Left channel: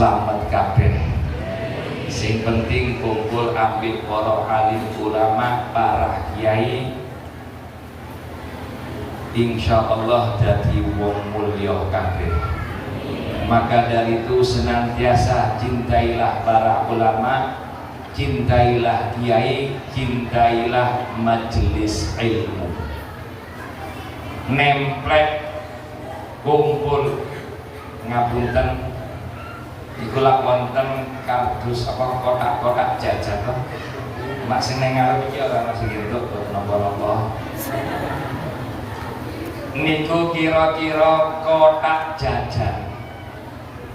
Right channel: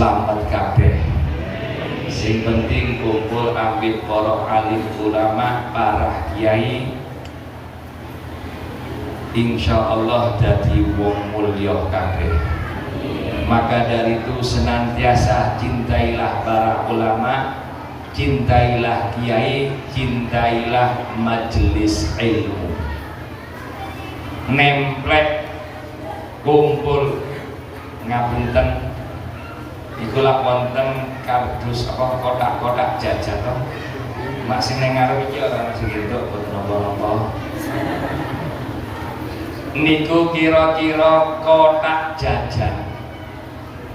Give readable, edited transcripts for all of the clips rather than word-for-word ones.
selamat kabeh. Sing penting kumpul ambek para alim ulama, para kiai, insyaallah dadi wong mulya kabeh. Maka dari itu senantiasa cintailah para ulama, cintailah kiai, cintailah majelis ilmu. Nemplek kumpul ngapunten itulah wonten kardus apa kotak-kotak jajan masih nang ngarep iki ora masih gitu napa-napa. Niku kira-kira kotak jajan.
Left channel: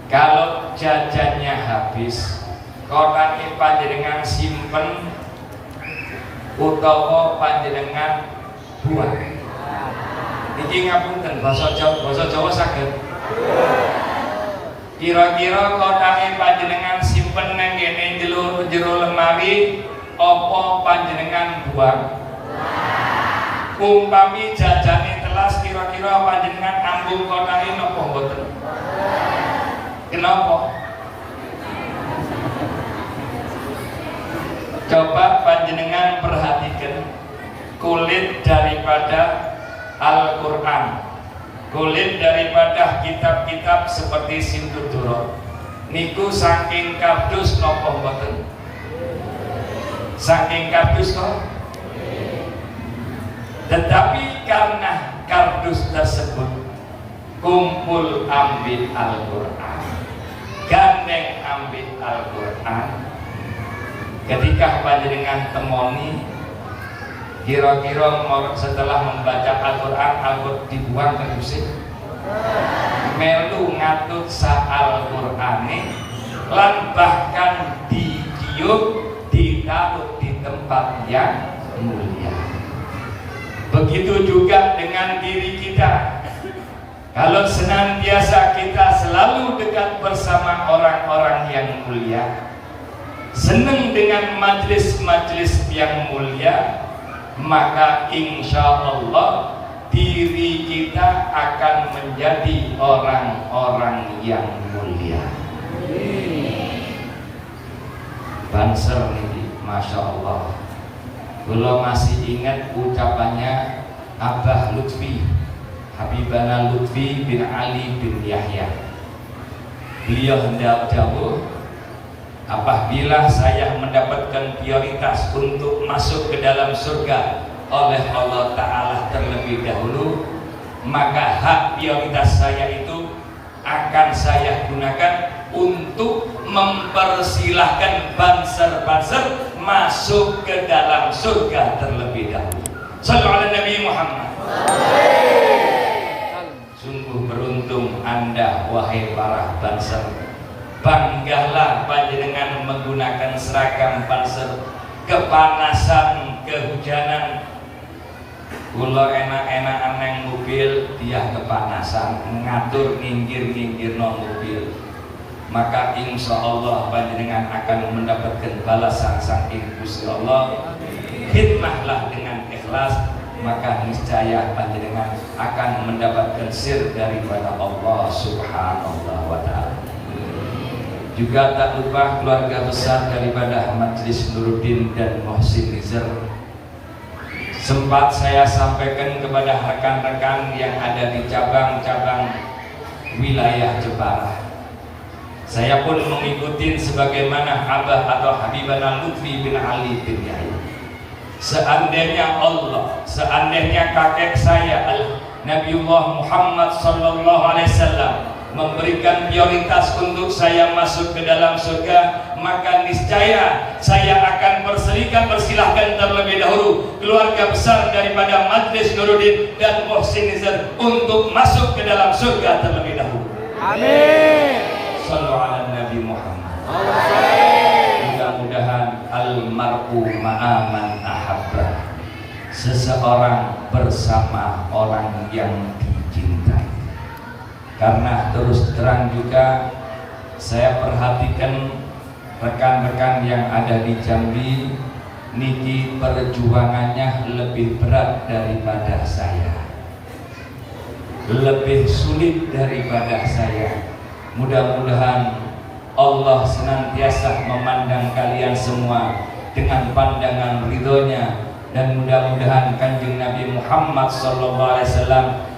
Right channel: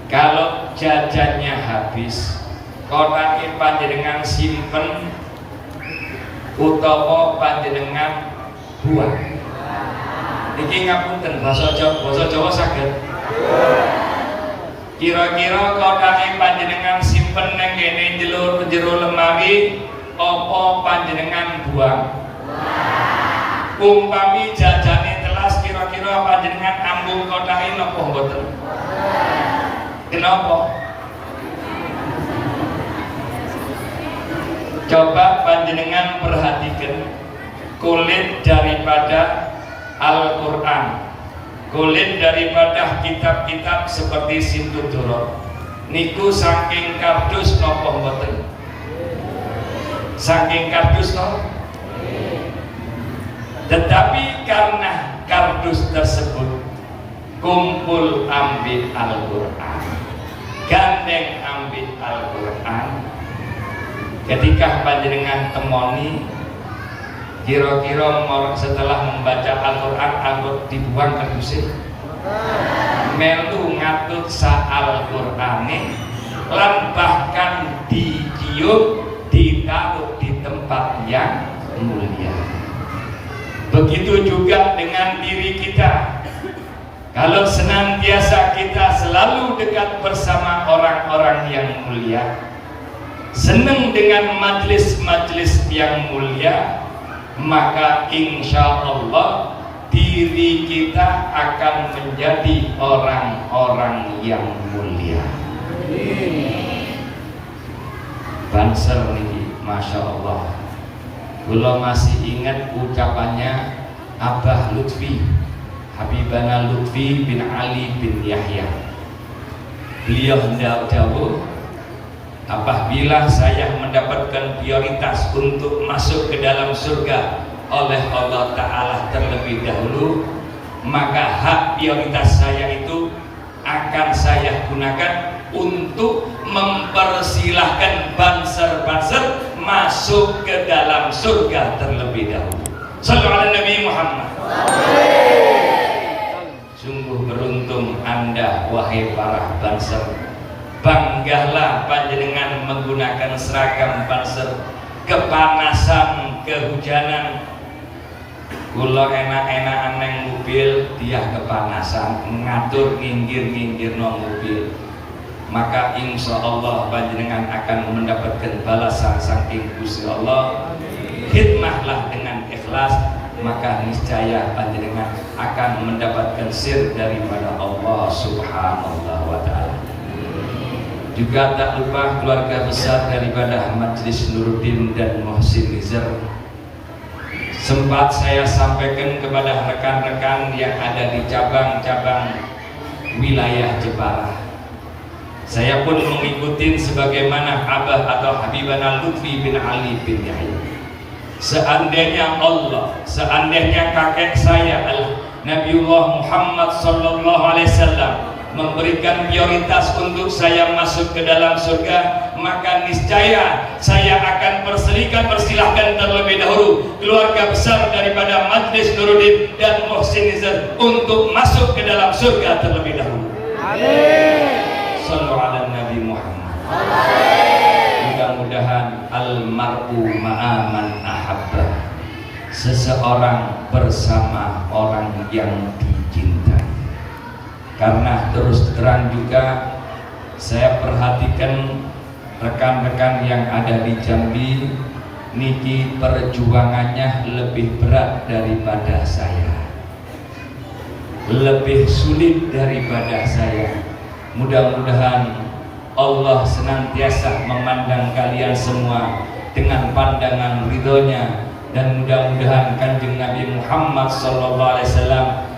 Kalau jajannya habis, kotaknya panjenengan simpen utawa panjenengan buang. Niki ngapunten basa Jawa saged. Kira-kira kotaknya panjenengan simpen nang kene jero lemari apa panjenengan buang? Umpami jajane telas kira-kira panjenengan ambung kotaknya napa mboten? Kenapa? Coba panjenengan perhatikan kulit daripada Al-Quran, kulit daripada kitab-kitab seperti Sintudoro niku saking kardus napa mboten? Saking kardus napa? Tetapi karena kardus tersebut kumpul ambil Al-Quran, gandeng ambil Al-Quran, ketika panjenengan temoni kira-kira setelah membaca Al-Quran dibuang kardusnya melu ngatut sa Al-Qur'ane lan bahkan dicium ditaruh di tempat yang mulia. Begitu juga dengan diri kita. Kalau senantiasa kita selalu dekat bersama orang-orang yang mulia, senang dengan majelis-majelis yang mulia, maka insya Allah diri kita akan menjadi orang-orang yang mulia. Banser nih, masya Allah. Kalau masih ingat ucapannya Abah Lutfi, Habibana Lutfi bin Ali bin Yahya. Beliau hendak jauh, apabila saya mendapatkan prioritas untuk masuk ke dalam surga oleh Allah Ta'ala terlebih dahulu, maka hak prioritas saya itu akan saya gunakan untuk mempersilahkan banser-banser masuk ke dalam surga terlebih dahulu. Sallu ala Nabi Muhammad. Sungguh beruntung Anda wahai para banser. Banggalah panjenengan menggunakan seragam banser. Kepanasan, kehujanan, kula enak-enakan neng mobil, dia kepanasan ngatur nginggir no mobil. Maka insya Allah panjenengan akan mendapatkan balasan saking Gusti Allah. Khidmahlah dengan ikhlas, maka niscaya panjenengan akan mendapatkan sir daripada Allah Subhanahu wa Ta'ala. Juga tak lupa keluarga besar daripada Majelis Nuruddin dan Muhsin Nizar. Sempat saya sampaikan kepada rekan-rekan yang ada di cabang-cabang wilayah Jepara. Saya pun mengikuti sebagaimana Abah atau Habibana Lutfi bin Ali bin Yahya. Seandainya Allah, seandainya kakek saya Nabiullah Muhammad sallallahu alaihi wasallam memberikan prioritas untuk saya masuk ke dalam surga, maka niscaya saya akan persilahkan terlebih dahulu keluarga besar daripada Majelis Nuruddin dan Muhsin Nizar untuk masuk ke dalam surga terlebih dahulu. Amin. Sallu ala Nabi Muhammad. Mudah-mudahan almar'u ma'aman ahabba, seseorang bersama orang yang dicintai. Karena terus terang juga saya perhatikan rekan-rekan yang ada di Jambi niki perjuangannya lebih berat daripada saya, lebih sulit daripada saya. Mudah-mudahan Allah senantiasa memandang kalian semua dengan pandangan ridhonya, dan mudah-mudahan Kanjeng Nabi Muhammad SAW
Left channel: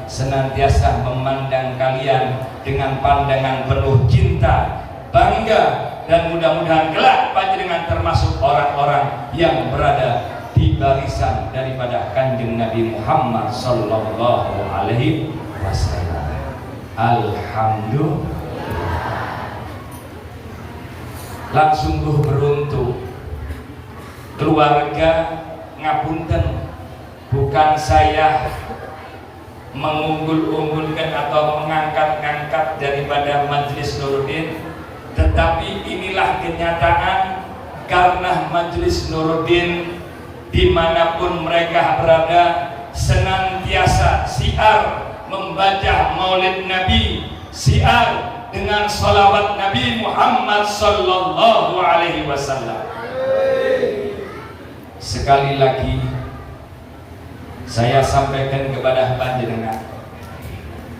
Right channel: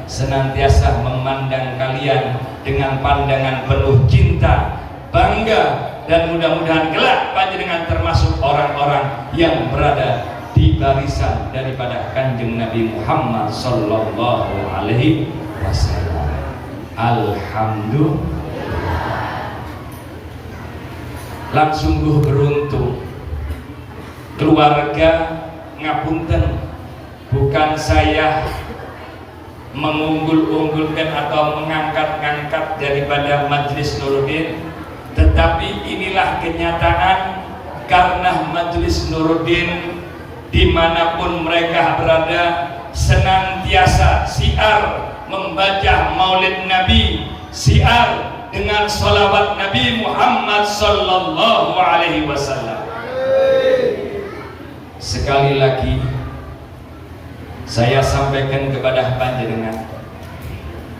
senantiasa memandang kalian dengan pandangan penuh cinta, bangga, dan mudah-mudahan kelak panjenengan termasuk orang-orang yang berada di barisan daripada Kanjeng Nabi Muhammad sallallahu alaihi wasallam. Alhamdulillah. Lan sungguh beruntung keluarga ngapunten, bukan saya mengunggul-unggulkan atau mengangkat-angkat daripada Majelis Nuruddin, tetapi inilah kenyataan karena Majelis Nuruddin dimanapun mereka berada senantiasa siar membaca Maulid Nabi, siar dengan salawat Nabi Muhammad sallallahu alaihi wasallam. Sekali lagi saya sampaikan kepada panjenengan,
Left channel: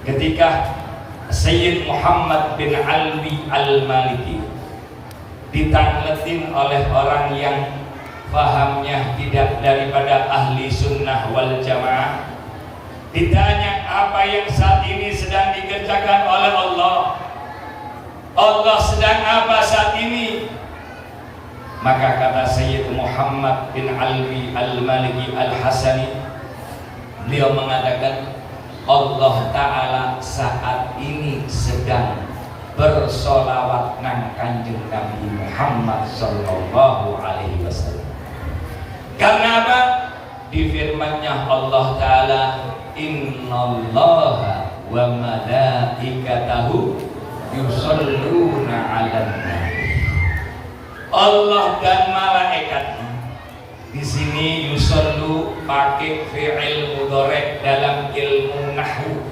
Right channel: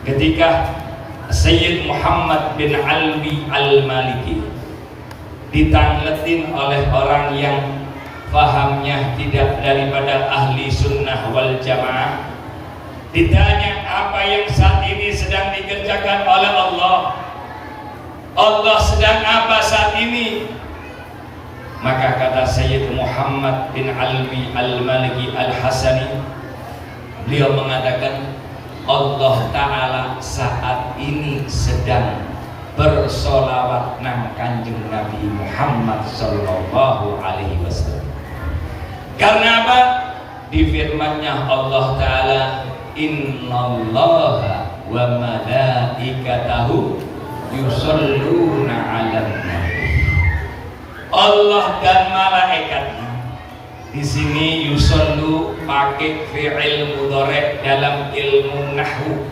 ketika Sayyid Muhammad bin Alwi Al-Maliki ditangletin oleh orang yang fahamnya tidak daripada ahli sunnah wal jamaah, ditanya apa yang saat ini sedang dikerjakan oleh Allah sedang apa saat ini? Maka kata Sayyid Muhammad bin Alwi Al-Maliki Al-Hasani, beliau mengatakan Allah Ta'ala saat ini sedang bersolawat nang Kanjeng Nabi Muhammad sallallahu alaihi wasallam. Karena apa? Di firman-Nya Allah Ta'ala, innallaha wa malaikatahu yusholluna 'alan nabi. Allah dan malaikatnya. Di sini yusollu pakai fi'il mudhari dalam ilmu nahwu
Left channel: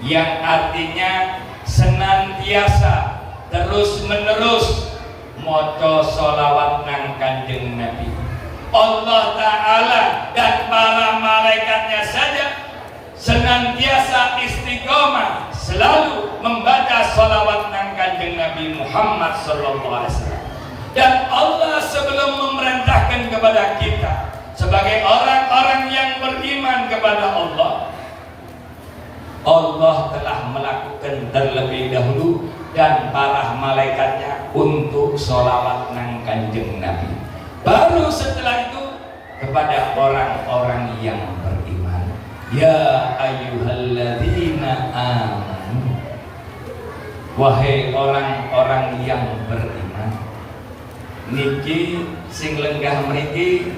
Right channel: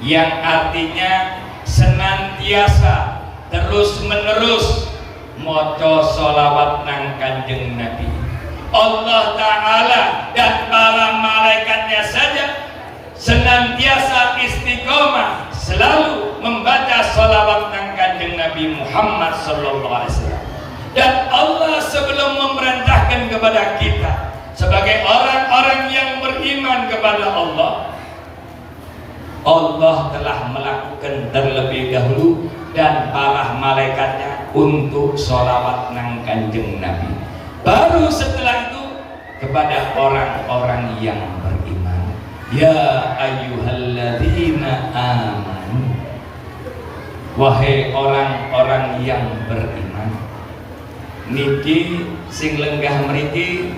yang artinya senantiasa terus menerus maca sholawat nang Kanjeng Nabi. Allah Ta'ala dan para malaikatnya saja senantiasa istiqomah selalu membaca sholawat nang Kanjeng Nabi Muhammad sallallahu alaihi wasallam. Dan Allah sebelum memerintahkan kepada kita sebagai orang-orang yang beriman kepada Allah, Allah telah melakukan terlebih dahulu dan para malaikatnya untuk sholawat nang Kanjeng Nabi. Baru setelah itu kepada orang-orang yang beriman. Ya ayyuhalladzina amanu, wahai orang-orang yang beriman. Niki sing lenggah mriki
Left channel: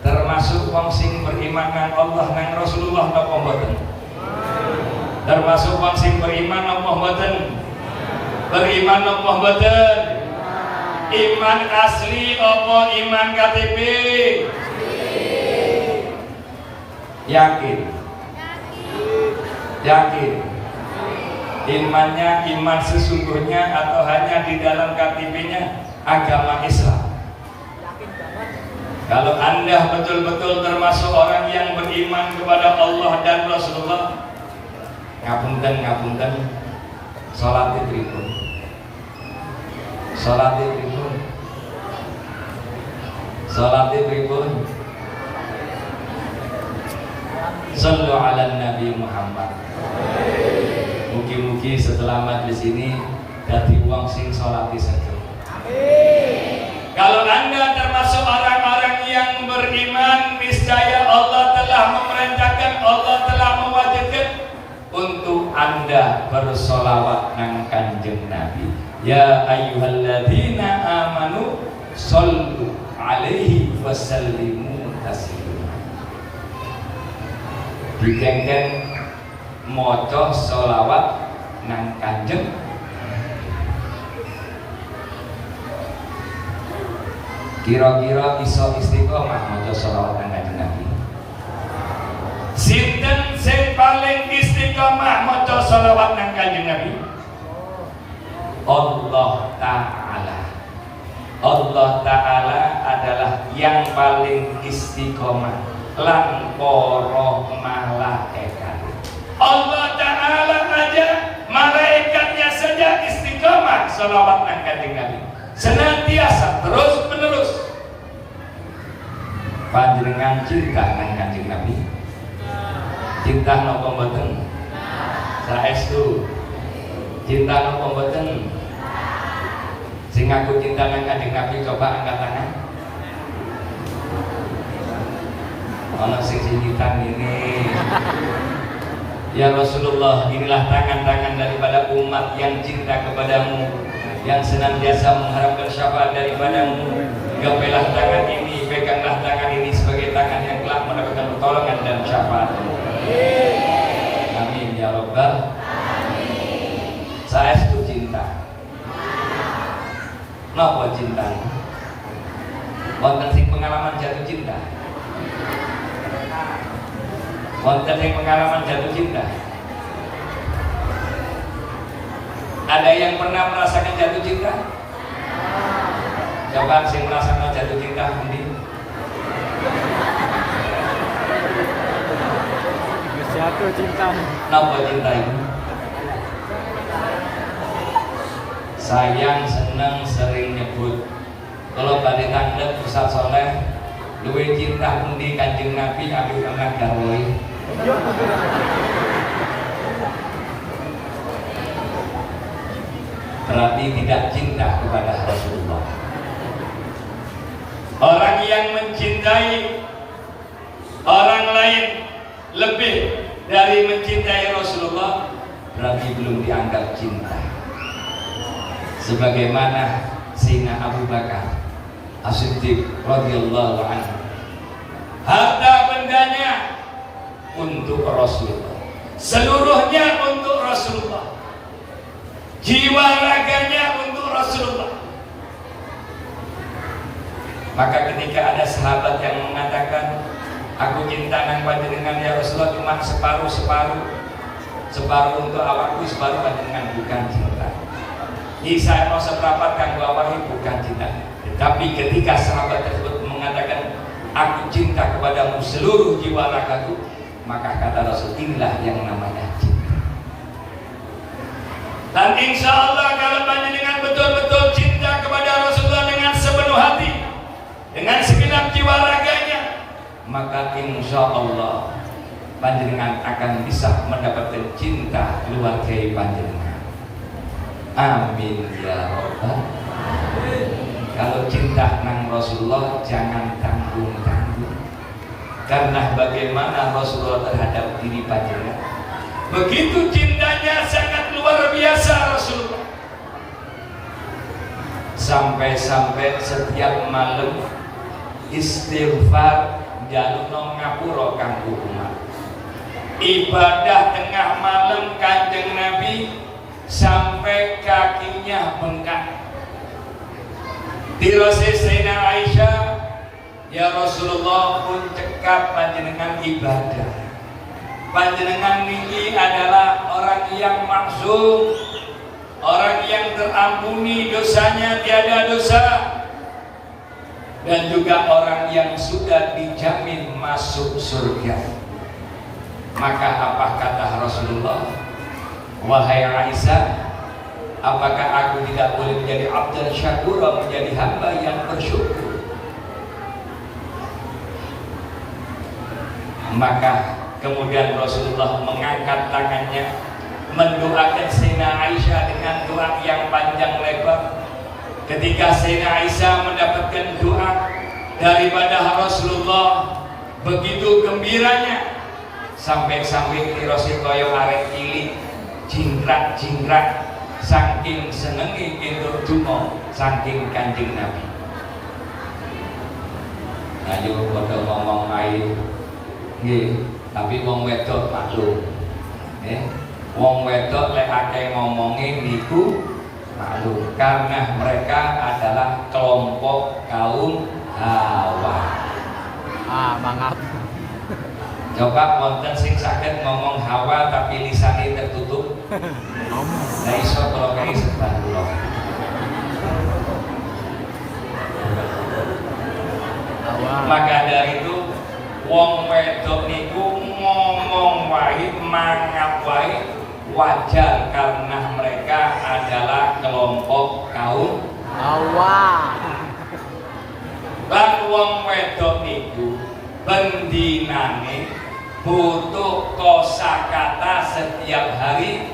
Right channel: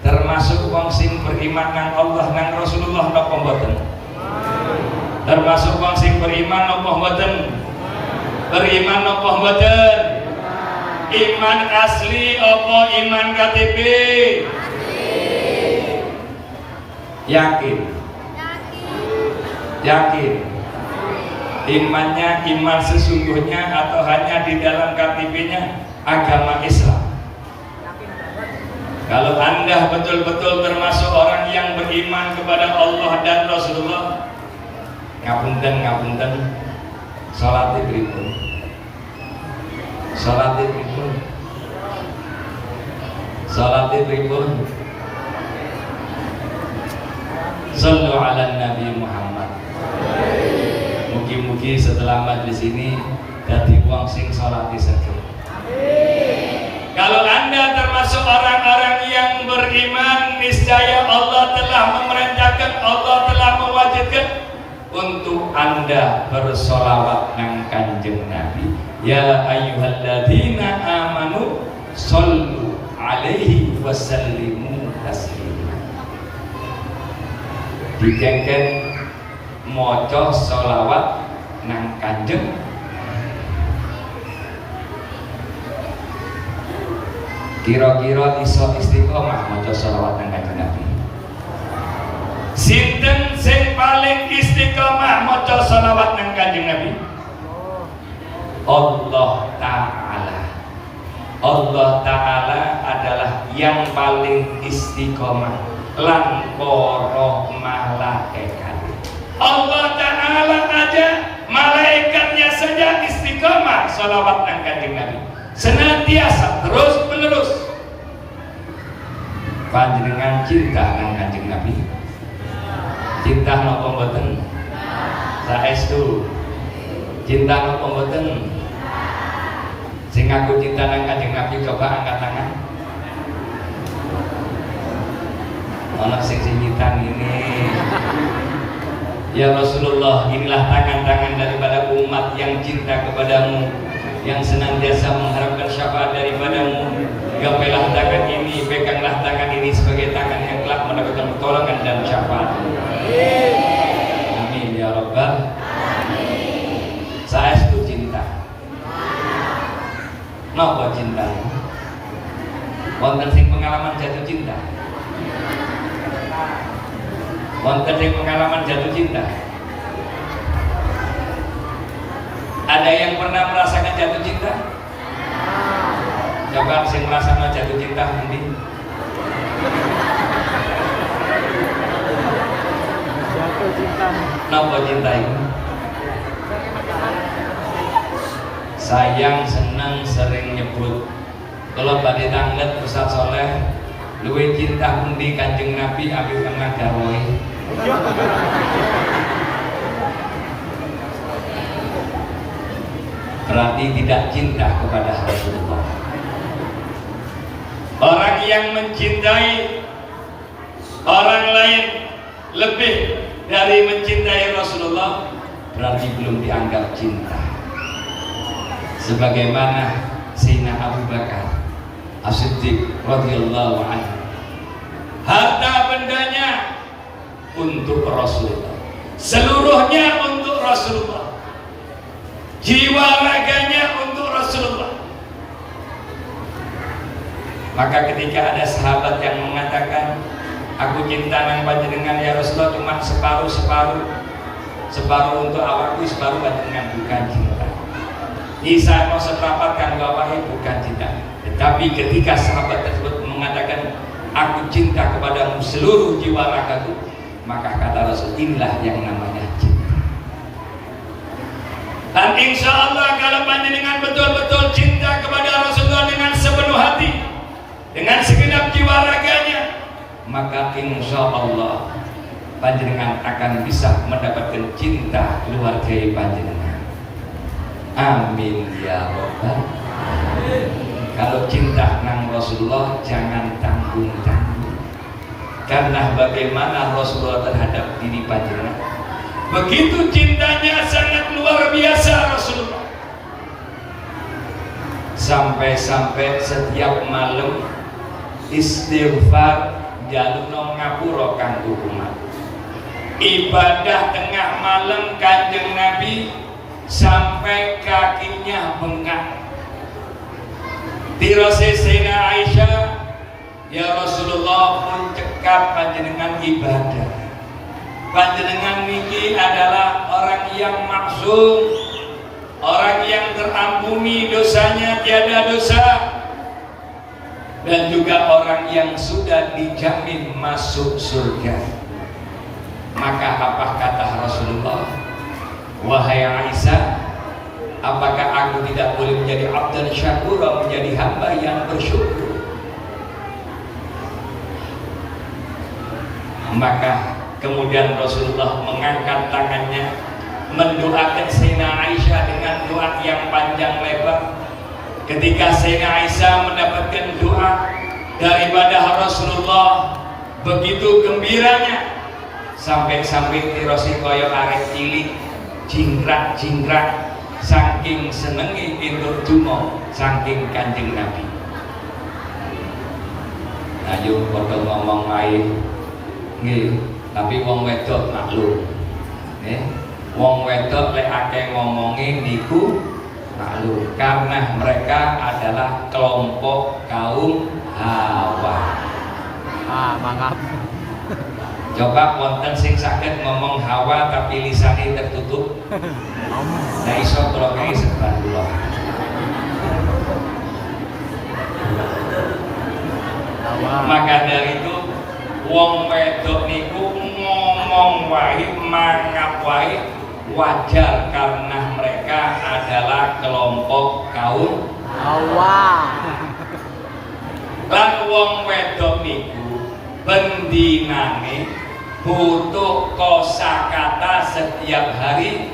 termasuk wong sing beriman nang Allah nang Rasulullah napa mboten? Termasuk wong sing beriman napa mboten? Beriman napa mboten? Iman asli apa iman KTP? Yakin? Yakin? Imannya iman sesungguhnya atau hanya di dalam KTP-nya agama Islam? Kalau Anda betul-betul termasuk orang yang beriman kepada Allah dan Rasulullah, ngapunten, salat pripun? Salat pripun? Salat pripun? Sallu ala Nabi Muhammad. Mugi-mugi setelah majlis ini dadi wong sing salati saged. Kalau Anda termasuk orang-orang yang beriman, niscaya Allah telah memerintahkan, Allah telah mewajibkan untuk Anda bersolawat nang Kanjeng Nabi. Ya ayyuhalladzina amanu shollu alaihi wasallimu taslima. Dikengken maca solawat nang Kanjeng. Kira-kira iso istiqomah maca sholawat nang Kanjeng Nabi? Sinten sing paling istiqomah maca sholawat nang Kanjeng Nabi? Allah Ta'ala. Allah Ta'ala adalah yang paling istiqomah lan para malaikat. Allah Ta'ala aja malaikatnya saja istiqomah sholawat nang Kanjeng Nabi, senantiasa terus menerus. Panjenengan cinta nang Kanjeng Nabi, cinta napa mboten? Saestu cinta napa mboten? Sing aku cinta nang Kanjeng Nabi coba angkat tangan. Ono sing sinyitan ini. Ya Rasulullah, inilah tangan-tangan daripada umat yang cinta kepadamu, yang senantiasa mengharapkan syafaat daripadamu. Gapailah tangan ini, peganglah tangan ini sebagai tangan yang telah mendapatkan pertolongan dan syafaat. Amin ya Rabbal. Saya itu cinta. Napa cinta? Wonten sing pengalaman jatuh cinta? Wonten sing pengalaman jatuh cinta? Ada yang pernah merasakan jatuh cinta? Coba sing merasakan jatuh cinta nanti. Jatuh cinta. Napa cinta itu? Sayang, senang, sering nyebut. Kalau badhe tanglet Ustaz Soleh, luwih cinta pundi Kanjeng Nabi abi kang garwoe. Berarti tidak cinta kepada Rasulullah. Orang yang mencintai orang lain lebih dari mencintai Rasulullah berarti belum dianggap cinta. Sebagaimana Sayyidina Abu Bakar As-Siddiq radhiyallahu anhu, harta bendanya untuk Rasulullah, seluruhnya untuk Rasulullah, jiwa raganya untuk Rasulullah. Maka ketika ada sahabat yang mengatakan, aku cinta nang panjenengan ya Rasulullah cuma separuh untuk awakku, separuh panjenengan, bukan cinta. Isa mau seprapat kanggo awahe, bukan cinta. Tetapi ketika sahabat tersebut mengatakan, aku cinta kepadamu seluruh jiwa ragaku, maka kata Rasul, inilah yang namanya cinta. Dan insya Allah kalau panjenengan betul-betul cinta kepada Rasulullah dengan sepenuh hati, dengan segenap jiwa raganya, maka insya Allah panjenengan akan bisa mendapatkan cinta keluarga panjenengan. Amin ya Rabbal. Kalau cinta nang Rasulullah jangan tanggung-tanggung, karena bagaimana Rasulullah terhadap diri panjenengan, begitu cintanya sangat luar biasa Rasulullah. Sampai-sampai setiap malam istighfar jalukno ngapura kanggo umat. Ibadah tengah malam Kanjeng Nabi sampai kakinya bengkak. Dirose Sayyidina Aisyah, ya Rasulullah pun cekap panjenengan ibadah. Panjenengan niki adalah orang yang maksum, orang yang terampuni dosanya tiada dosa, dan juga orang yang sudah dijamin masuk surga. Maka apa kata Rasulullah? Wahai Aisyah, apakah aku tidak boleh menjadi abdan syakur, menjadi hamba yang bersyukur? Maka kemudian Rasulullah mengangkat tangannya mendoakan Sayyidina Aisyah dengan doa yang panjang lebar. Ketika Sayyidina Aisyah mendapatkan doa daripada Rasulullah, begitu gembiranya, sampai-sampai tirosi koyo arek cilik jingkrak-jingkrak saking senengi itu dungo saking Kanjeng Nabi. Ayo padha ngomong ae nggih, tapi wong wedok maklum nggih. Wong wedok lek akeh ngomongi niku maklum, karena mereka adalah kelompok kaum Hawa. Mangap. Coba wonten sing saged ngomong Hawa tapi lisane tertutup. Nah iso kula kene sebentar kula. Maka dari itu wong wedok niku ngomong wae, mangap wae, wajar karena mereka adalah kelompok kaum Hawa. lan wong wedok niku bendinane butuh kosakata setiap hari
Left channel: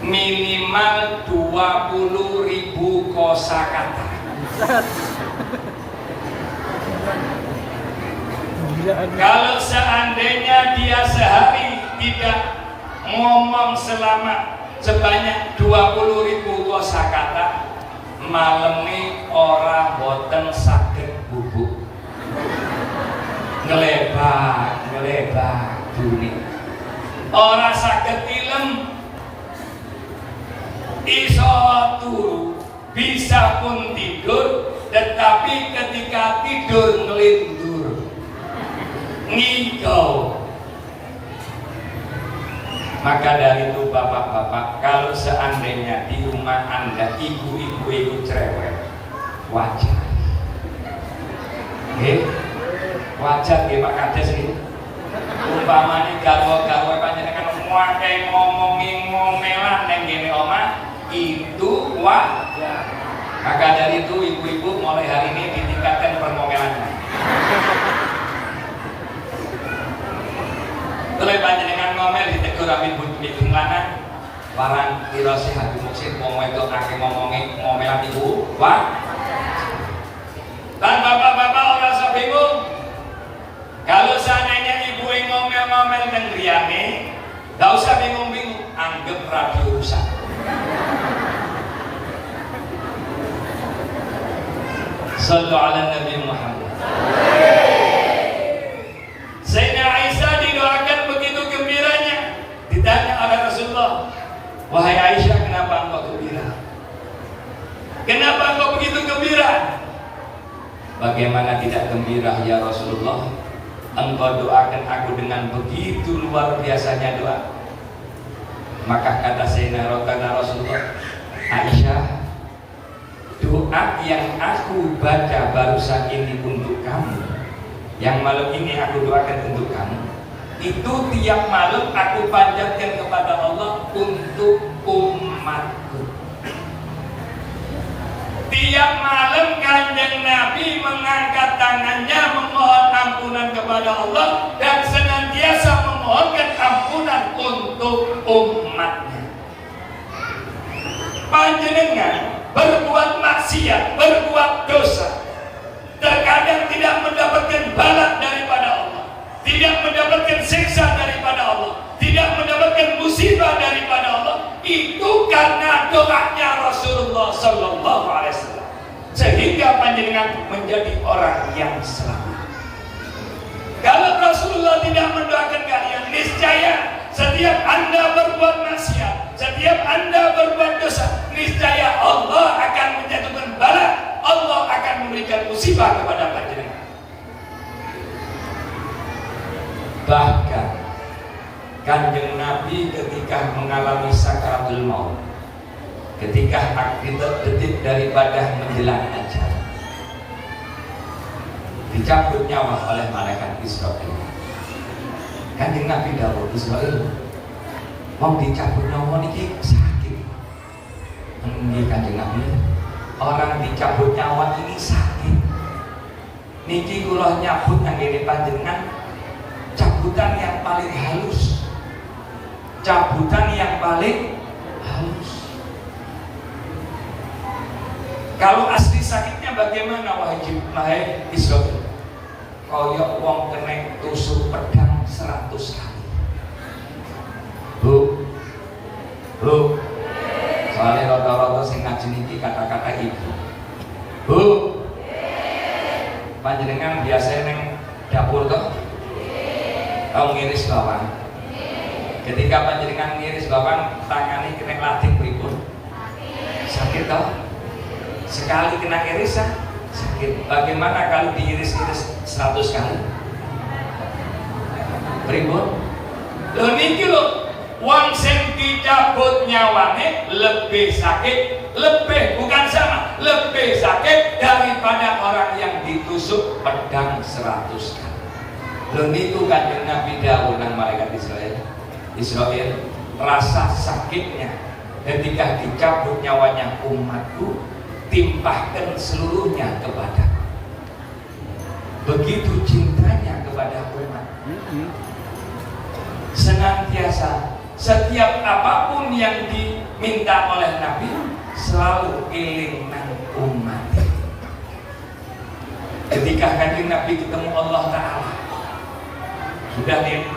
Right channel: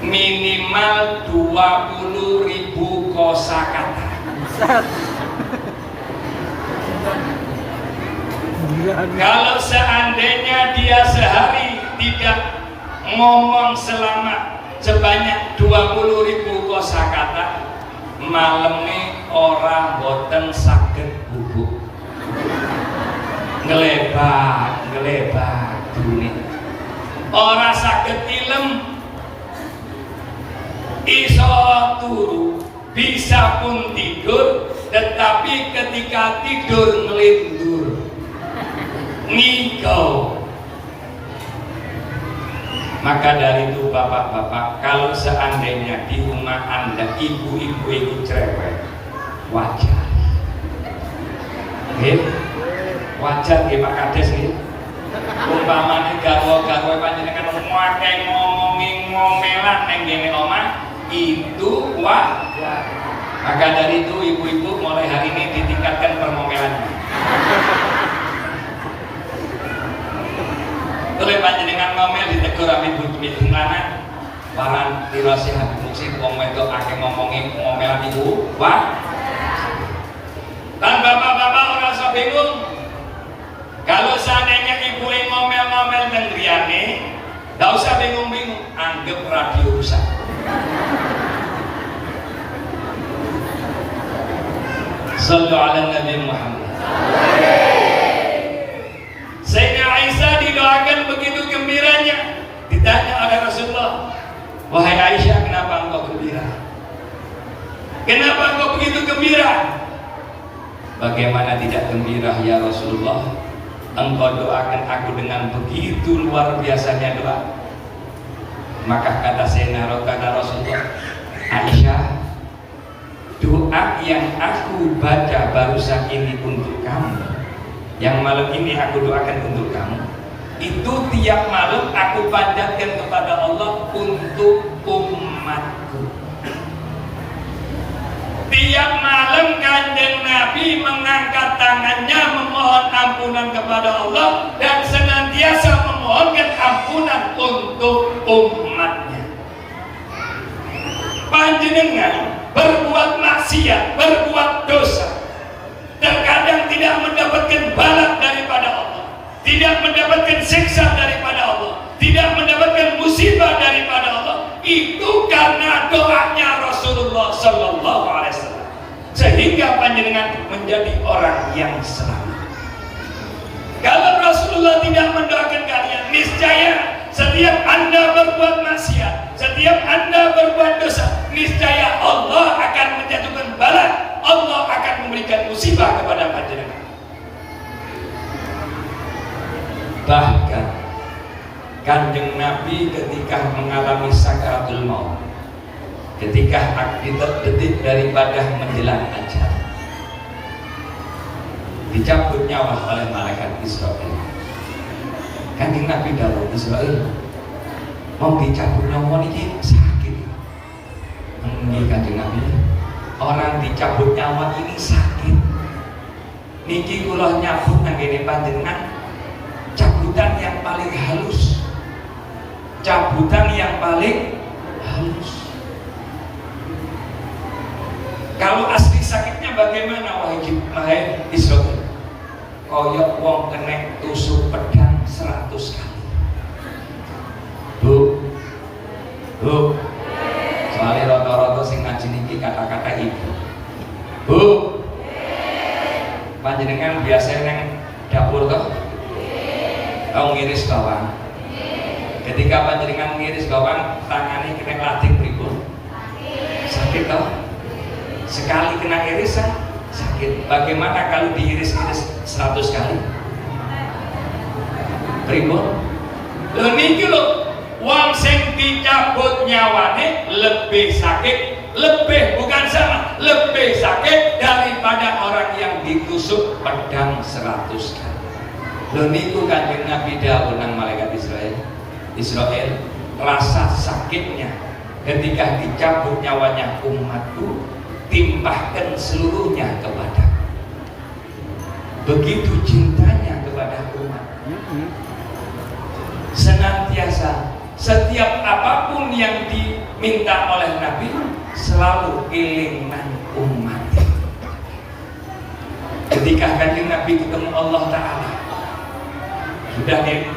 minimal 20.000 kosakata. Kalau seandainya dia sehari tidak ngomong selama sebanyak 20.000 kosakata, malam ini orang boten saged bubuk ngelebat dunia, orang saged ilem, iso turu, bisa pun tidur, tetapi ketika tidur ngelindur ngigau. Maka dari itu bapak-bapak, kalau seandainya di rumah anda ibu-ibu itu cerewet, wajar. Wajar nggih Pak Kades nggih. Umpamane garwa-garwa panjenengan ngake ngomelan ning ngene omah, itu wajar. Maka dari itu ibu-ibu mulai hari ini ditingkatkan permomelannya. Boleh panjenengan ngomel ditegur ambil bujung lanang, barang dirose Habib Muksin wong wedok akeh ngomelan ibu, wah. Dan bapak-bapak orang usah bingung. Kalau seandainya ibu yang ngomel-ngomel dan griyane, gak usah bingung-bingung, anggap radio rusak. Sallu ala Nabi Muhammad. Sayyidina Aisyah didoakan begitu gembiranya. Ditanya oleh Rasulullah, wahai Aisyah, kenapa engkau gembira? Kenapa engkau begitu gembira? Bagaimana tidak gembira ya Rasulullah? Engkau doakan aku dengan begitu luar biasanya doa. Maka kata Sayyidina Rasulullah, Aisyah, doa yang aku baca barusan ini untuk kamu, yang malam ini aku doakan untuk kamu, itu tiap malam aku panjatkan kepada Allah untuk umatku. Tiap malam Kanjeng Nabi mengangkat tangannya memohon ampunan kepada Allah dan senantiasa memohonkan ampunan untuk umatnya. Panjenengan berbuat maksiat, berbuat dosa, terkadang tidak mendapatkan balas daripada Allah, tidak mendapatkan siksa daripada Allah, tidak mendapatkan musibah daripada Allah, itu karena doanya Rasulullah Sallallahu Alaihi Wasallam, sehingga panjenengan menjadi orang yang selamat. Kalau Rasulullah tidak mendoakan kalian, niscaya setiap anda berbuat maksiat, setiap anda berbuat dosa, niscaya Allah akan menjatuhkan bala, Allah akan memberikan musibah kepada panjenengan. Bahkan Kanjeng Nabi ketika mengalami sakaratul maut, ketika detik daripada menjelang ajal, dicabut nyawa oleh malaikat Israel. Kanjeng Nabi dawuh, Israel mau dicabut nyawa niki sakit. Nggih Kanjeng Nabi, orang dicabut nyawa ini sakit. Niki kula nyabut nang ngene panjenengan cabutan yang paling halus. Cabutan yang paling halus. Kalau asli sakitnya bagaimana wahai Israel? Koyok wong kena tusuk pedang 100 kali. Bu, soalnya rata-rata sing ngaji niki kata-kata ibu. Bu, panjenengan biasa neng dapur toh? Oh, ngiris bawang. Ketika panjenengan ngiris bawang, tangani kena latih pripun? Sakit toh? Sekali kena irisan sakit. Bagaimana kalau diiris-iris 100 kali? Pripun? Lho niki lho, wong sing dicabut nyawane lebih sakit, lebih bukan sama, lebih sakit daripada orang yang ditusuk pedang 100 kali. Lho niku Kanjeng Nabi dawuh nang malaikat Israel, rasa sakitnya ketika dicabut nyawanya umatku, timpahkan seluruhnya kepada. Begitu cintanya kepada umat. Senantiasa setiap apapun yang diminta oleh Nabi selalu eling nang umat. Ketika Kanjeng Nabi ketemu Allah Ta'ala, sudah di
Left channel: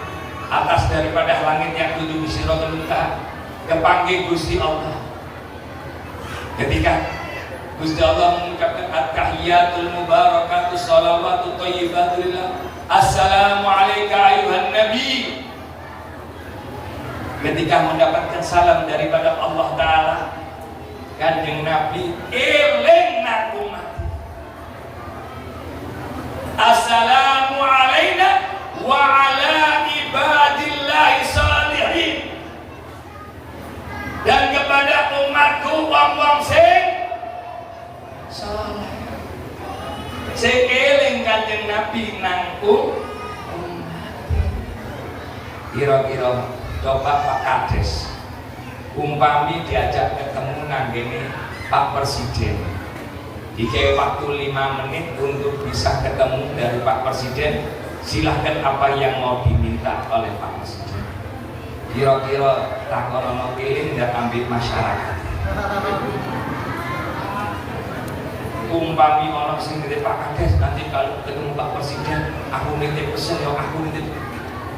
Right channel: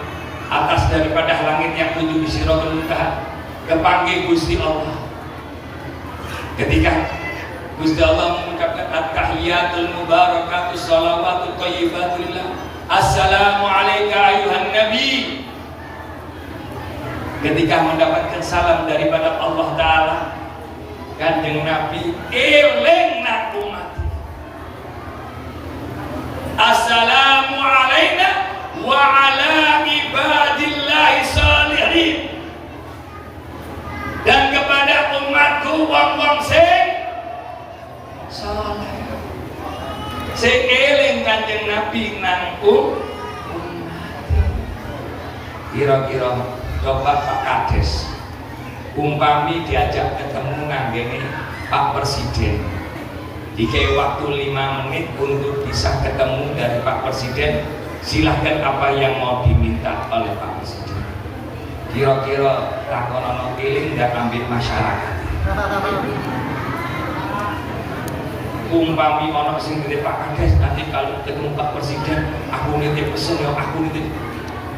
atas daripada langit yang tujuh di Siratul Muntaha, kepanggil Gusti Allah. Ketika Gusti Allah mengungkapkan at-tahiyatul mubarakatus shalawatut thayyibatu lillah, assalamu alayka ayuhan nabi. Ketika mendapatkan salam daripada Allah Ta'ala, Kanjeng Nabi eling nang umat. Assalamu alayna wa ala ibadillahi salihin. Dan kepada umatku wong-wong sing saleh. Sing eling Kanjeng Nabi nang umat. Kira-kira coba Pak Kades umpami diajak ketemu nang ngene Pak Presiden, dikei waktu 5 menit untuk bisa ketemu dari Pak Presiden, silahkan apa yang mau diminta oleh Pak Presiden. Kira-kira takon ono pilih dan ambil masyarakat. Umpami ono sing nitip Pak Kades, nanti kalau ketemu Pak Presiden aku nitip pesen ya aku nitip.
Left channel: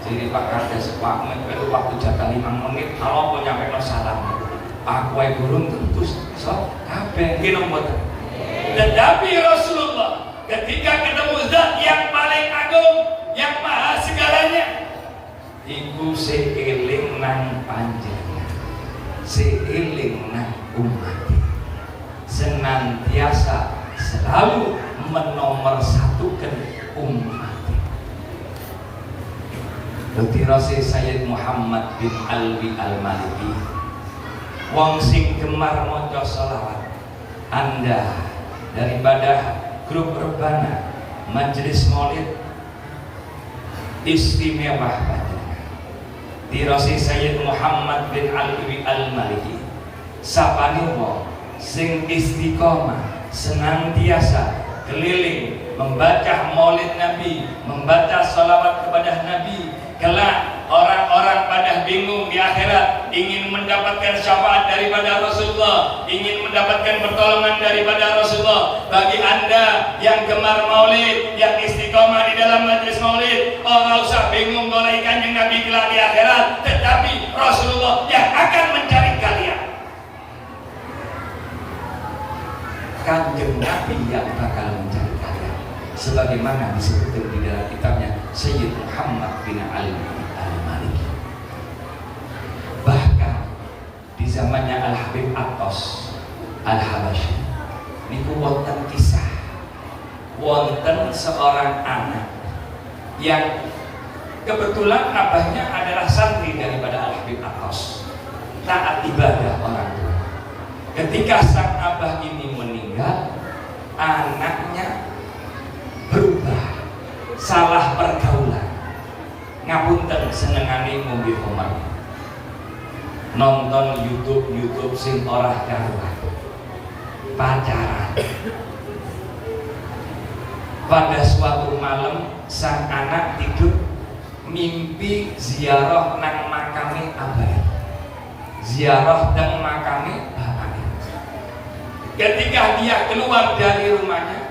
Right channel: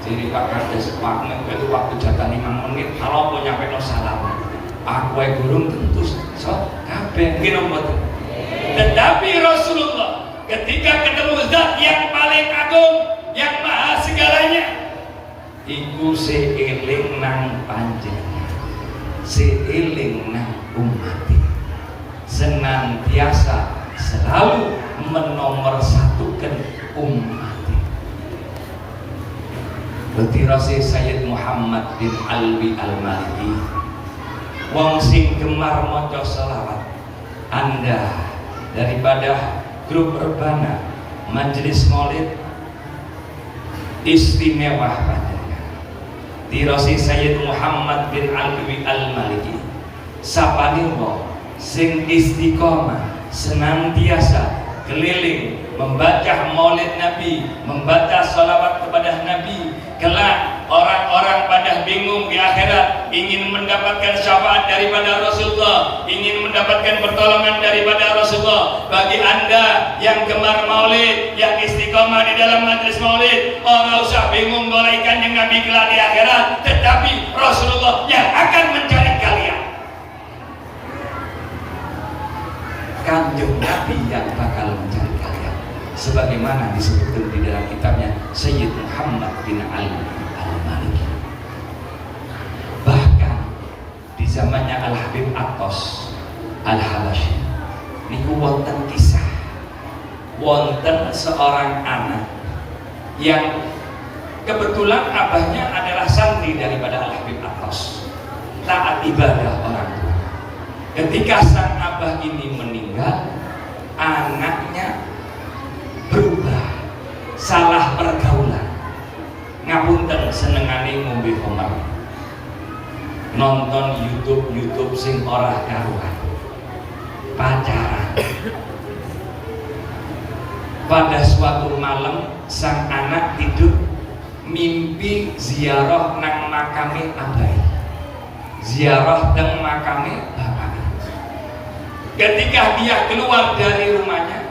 Jadi Pak Kades itu waktu jatah 5 menit, kalau mau nyampe no salam aku yang burung tentu so kabeh nggih mboten. Tetapi Rasulullah ketika ketemu zat yang paling agung, yang maha segalanya, iku seeling nang panjenengan, seeling nang umat, senantiasa selalu menomorsatukan umat. Utirase Sayyid Muhammad bin Alwi Al-Maliki, wong sing gemar maca sholawat, Anda daripada grup Rebana Majelis Maulid istimewa panjenengan. Tirasi Sayyid Muhammad bin Alwi Al-Maliki, sapane wong sing istiqomah senantiasa keliling membaca maulid Nabi, membaca sholawat kepada Nabi. Kelak orang-orang pada bingung di akhirat, ingin mendapatkan syafaat daripada Rasulullah, ingin mendapatkan pertolongan daripada Rasulullah. Bagi Anda yang gemar maulid, yang istiqomah di dalam majelis maulid, nggak usah bingung golek Kanjeng Nabi kelak di akhirat, tetapi Rasulullah yang akan mencari kalian. Kanjeng Nabi yang bakal mencari kalian, sebagaimana disebutkan di dalam kitabnya Sayyid Muhammad bin Ali Al-Maliki. Bahkan di zamannya Al-Habib Atos Al-Habasyi niku wonten kisah, wonten seorang anak yang kebetulan abahnya adalah santri daripada Al-Habib Atos, taat ibadah orang tua. Ketika sang abah ini meninggal, anaknya berubah, salah pergaulan, ngapunten senengane ngombe homer, nonton YouTube sing ora karuan, pacaran. Pada suatu malam sang anak tidur, mimpi ziarah nang makame abai, ziarah nang makame bapak. Ketika dia keluar dari rumahnya,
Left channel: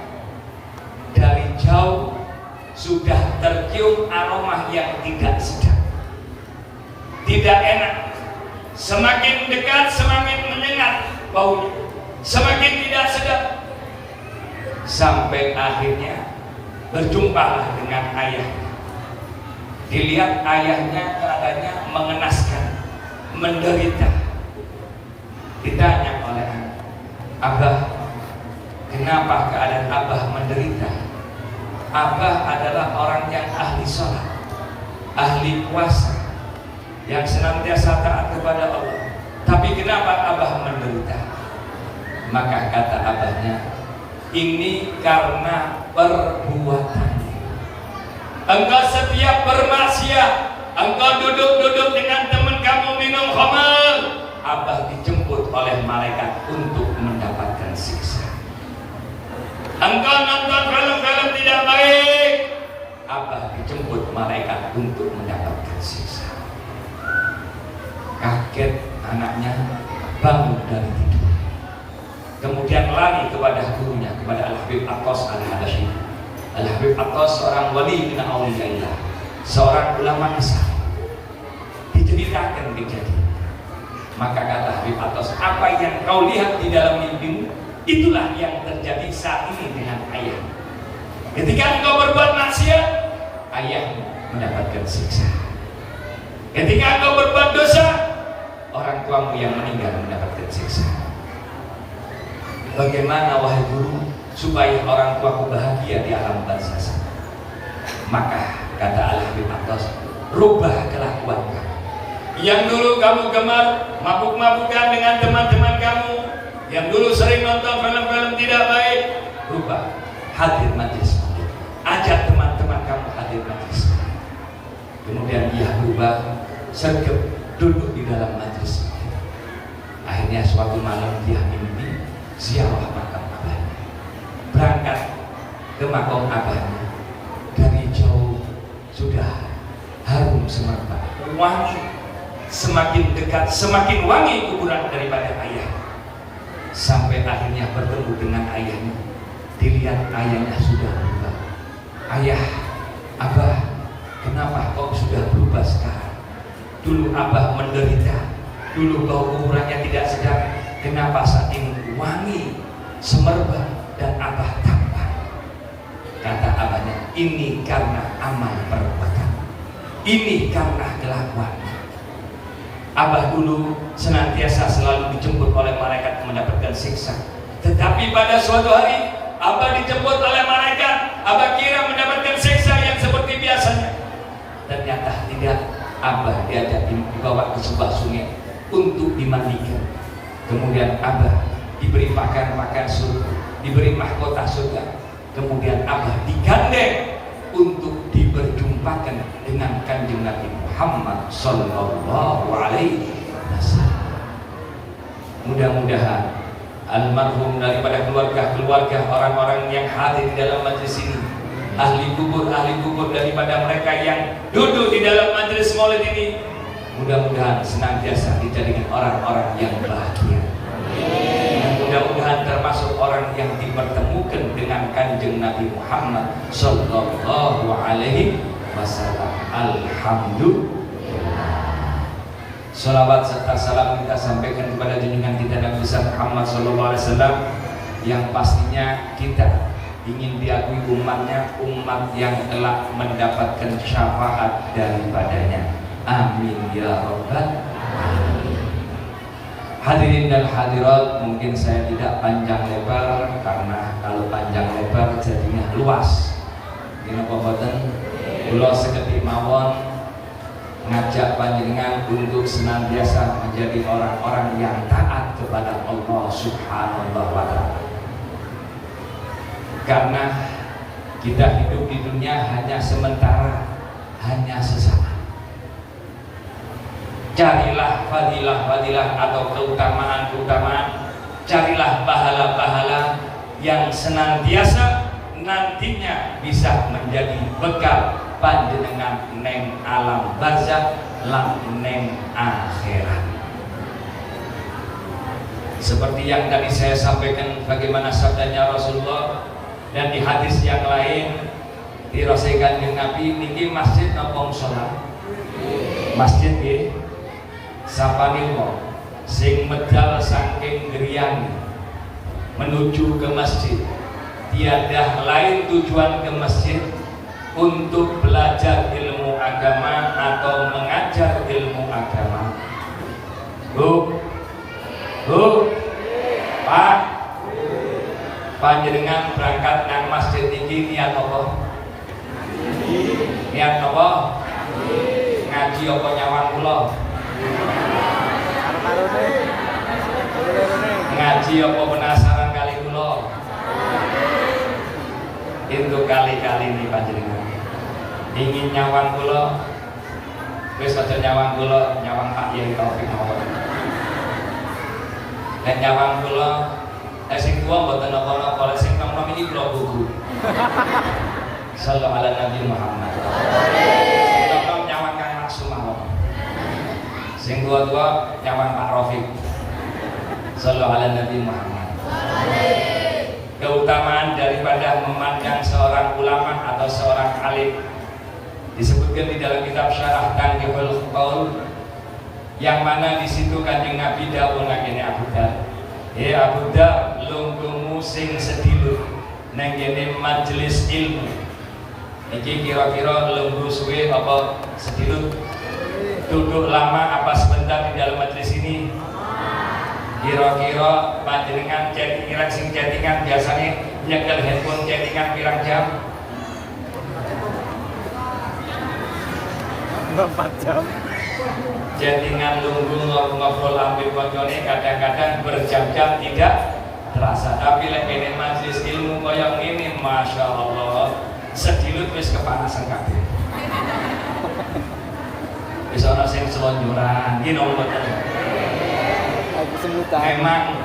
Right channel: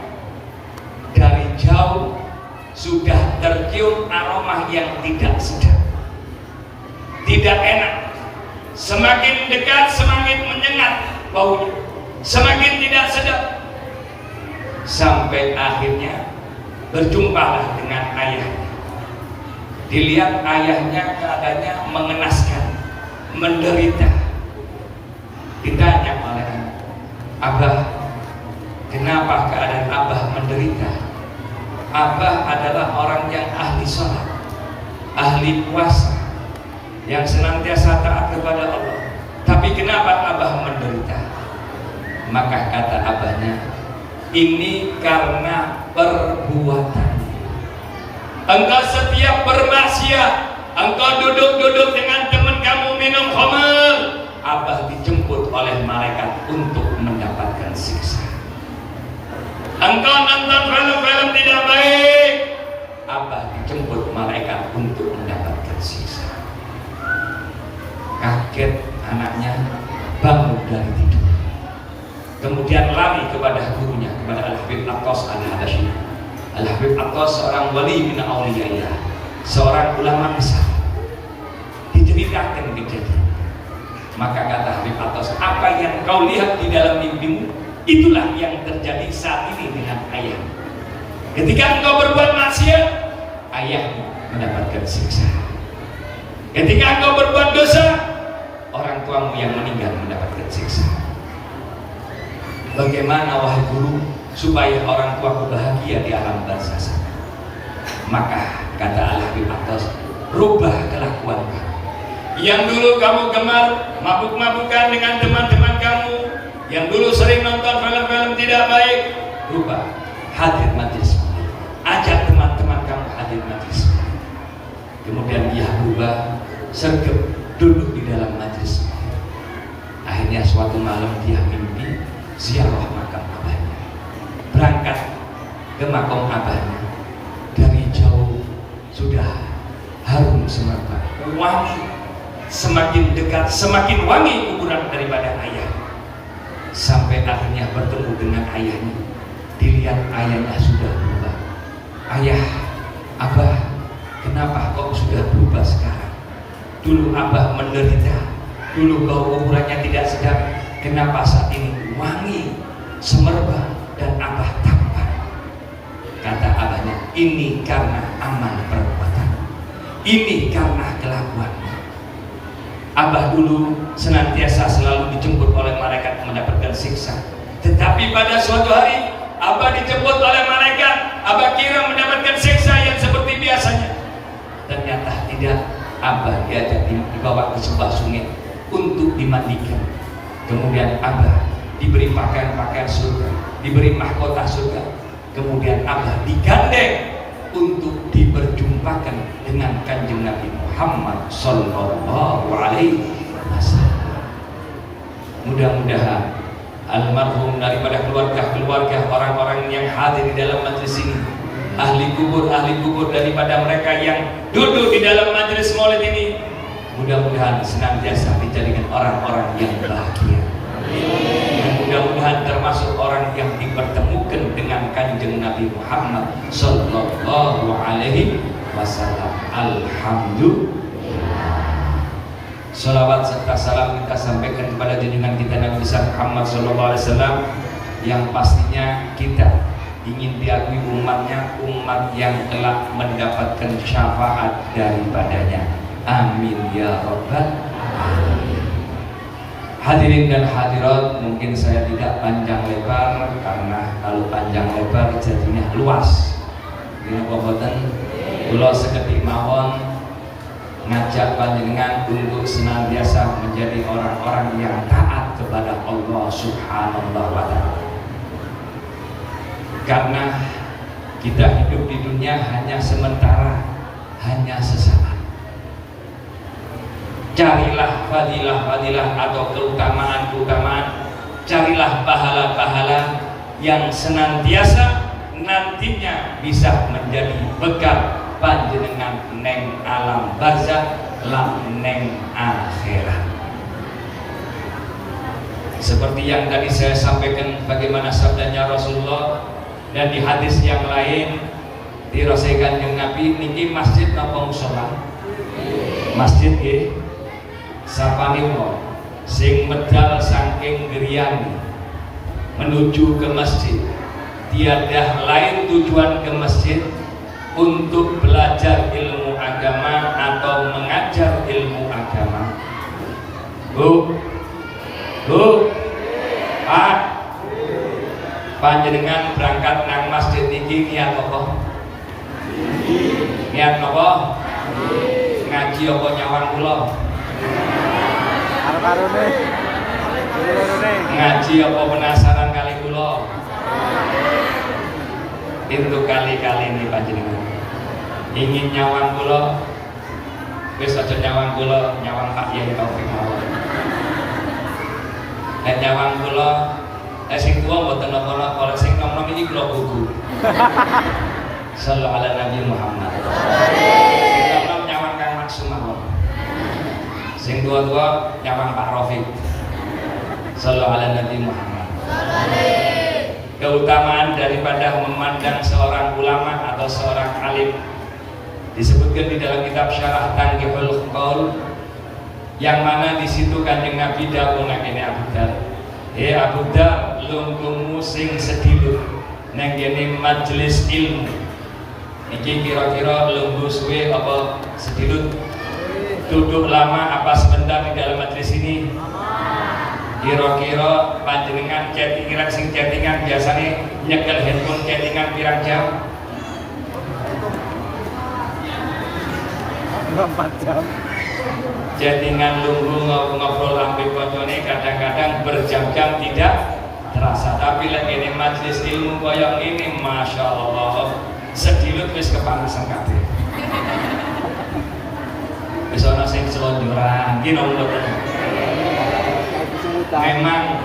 dari jauh sudah tercium aroma yang tidak sedap, tidak enak. Semakin dekat semakin menyengat baunya, semakin tidak sedap. Sampai akhirnya berjumpalah dengan ayahnya. Dilihat ayahnya keadaannya mengenaskan, menderita. Ditanya oleh anak, Abah, kenapa keadaan Abah menderita? Abah adalah orang yang ahli sholat, ahli puasa, yang senantiasa taat kepada Allah. Tapi kenapa Abah menderita? Maka kata abahnya, ini karena perbuatan. Engkau setiap bermaksiat, engkau duduk-duduk dengan teman kamu minum khamar, Abah dijemput oleh malaikat untuk mendapatkan siksa. Engkau nonton film-film tidak baik, Abah dijemput malaikat untuk mendapatkan siksa. Kaget anaknya, bangun dari tidur, kemudian lari kepada gurunya, kepada Al-Habib Aqqas Al-Hadashi. Al-Habib Aqqas seorang wali min auliyaillah, seorang ulama besar. Diceritakan kejadian. Maka kata Habib Aqqas, apa yang kau lihat di dalam mimpimu, itulah yang terjadi saat ini dengan ayah. Ketika engkau berbuat maksiat, ayahmu mendapatkan siksa. Ketika engkau berbuat dosa, orang tuamu yang meninggal mendapatkan siksa. Bagaimana wahai guru supaya orang tuaku bahagia di alam barzakh? Maka kata Al-Habib Aqqas, rubah kelakuan kamu. Yang dulu kamu gemar mabuk-mabukan dengan teman-teman kamu, yang dulu sering nonton film-film tidak baik, rubah, hadir majlis, ajak teman-teman kamu hadir majlis. Kemudian dia berubah, sergap duduk di dalam majlis. Akhirnya suatu malam dia mimpi ziarah makam abahnya, berangkat ke makam abahnya. Dari jauh sudah harum semerbak, wangi, semakin dekat semakin wangi kuburan daripada ayah. Sampai akhirnya bertemu dengan ayahnya, dilihat ayahnya sudah berubah. Ayah, Abah, kenapa kok sudah berubah sekarang? Dulu Abah menderita, dulu bau kuburannya tidak sedap, kenapa saat ini wangi, semerbak, dan Abah tampan? Kata abahnya, ini karena amal perbuatan, ini karena kelakuannya. Abah dulu senantiasa selalu dijemput oleh malaikat mendapatkan siksa, tetapi pada suatu hari Abah dijemput oleh malaikat, Abah kira mendapatkan siksa yang seperti biasanya. Ternyata tidak. Abah diajak dibawa ke sebuah sungai untuk dimandikan. Kemudian Abah diberi pakaian surga, diberi mahkota surga. Kemudian Abah digandeng untuk diperjumpakan dengan Kanjeng Nabi Muhammad Sallallahu Alaihi Wasallam. Mudah-mudahan almarhum daripada keluarga-keluarga orang-orang yang hadir di dalam majelis ini, ahli kubur daripada mereka yang duduk di dalam majelis maulid ini, mudah-mudahan senantiasa dijadikan orang-orang yang bahagia. Dan mudah-mudahan termasuk orang yang dipertemukan dengan Kanjeng Nabi Muhammad Sallallahu Alaihi Wasallam. Alhamdulillah. Salawat serta salam kita sampaikan kepada junjungan kita Nabi besar Muhammad Sallallahu Alaihi Wasallam, yang pastinya kita ingin diakui umatnya, umat yang telah mendapatkan syafaat daripadanya. Amin ya Rabbal Alamin. Hadirin dan hadirat, mungkin saya tidak panjang lebar, karena kalau panjang lebar jadinya luas. Dina boboten kula seketik mawon ngajak panjenengan untuk senantiasa menjadi orang-orang yang taat kepada Allah Subhanahu wa Ta'ala. Karena kita hidup di dunia hanya sementara, hanya sesaat. Carilah fadilah-fadilah atau keutamaan-keutamaan, carilah pahala-pahala yang senantiasa nantinya bisa menjadi bekal panjenengan neng alam barzakh lan neng akhirat. Seperti yang tadi saya sampaikan, bagaimana sabdanya Rasulullah, dan di hadis yang lain dirasakan dengan Nabi, niki masjid napa musala? Masjid nggih. Sapaniwa sing medal saking griyane menuju ke masjid, tiada lain tujuan ke masjid untuk belajar ilmu agama atau mengajar ilmu agama. Pak, panjenengan berangkat nang masjid iki niat apa? Niat apa? Ngaji apa nyawang kula? Ngaji apa penasaran kali kula? Itu kali-kali ini panjenengan ingin nyawang kula, wis aja nyawang kula, nyawang Pak Yai Taufik mawon. Dan nyawang kula sing tua mboten napa-napa, kalau sing nom-nom iki kula buku. Sallallahu ala Nabi Muhammad. Sing nom-nom nyawang Kang Maksumah. Sing tua-tua nyawang Pak Rafiq. Sallallahu ala Nabi Muhammad. Keutamaan daripada memandang seorang ulama atau seorang alim disebutkan di dalam kitab Syarah Tanqihul Qaul, yang mana di situ Kanjeng Nabi dawuh ngene Abu Dar. Abu Dar, lungguhmu sing sedilut nang kene majelis ilmu. Iki kira-kira lungguh suwe apa sedilut? Duduk lama apa sebentar di dalam majelis ini? Kira-kira panjenengan chattingan sing chattingan biasanya nyekel handphone chattingan pirang jam? 4 jam. Chattingan lungguh ngobrol ambek koncone kadang-kadang berjam-jam tidak terasa. Tapi lagi ini majelis ilmu koyong ini, masya Allah, sedilut wis kepanasan kabeh. Wis ana sing selonjoran, iki nomor. Memang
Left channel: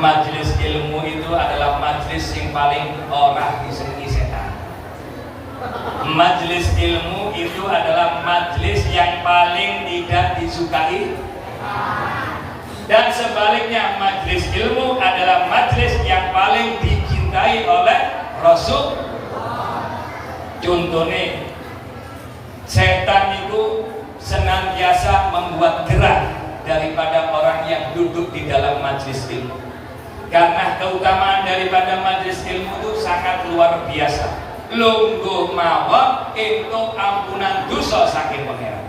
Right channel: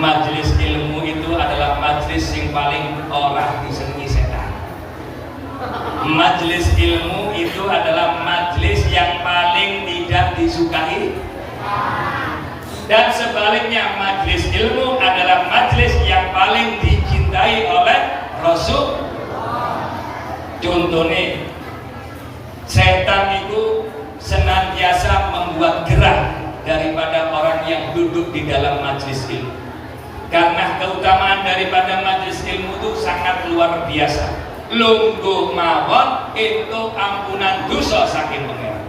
majelis ilmu itu adalah majelis yang paling ora disenengi setan. Majelis ilmu itu adalah majelis yang paling tidak disukai, dan sebaliknya majelis ilmu adalah majelis yang paling dicintai oleh Rasul. Contohnya, setan itu senantiasa membuat gerah daripada orang yang duduk di dalam majelis ilmu, karena keutamaan daripada majelis ilmu itu sangat luar biasa. Lungguh mawon itu ampunan dosa saking pangeran.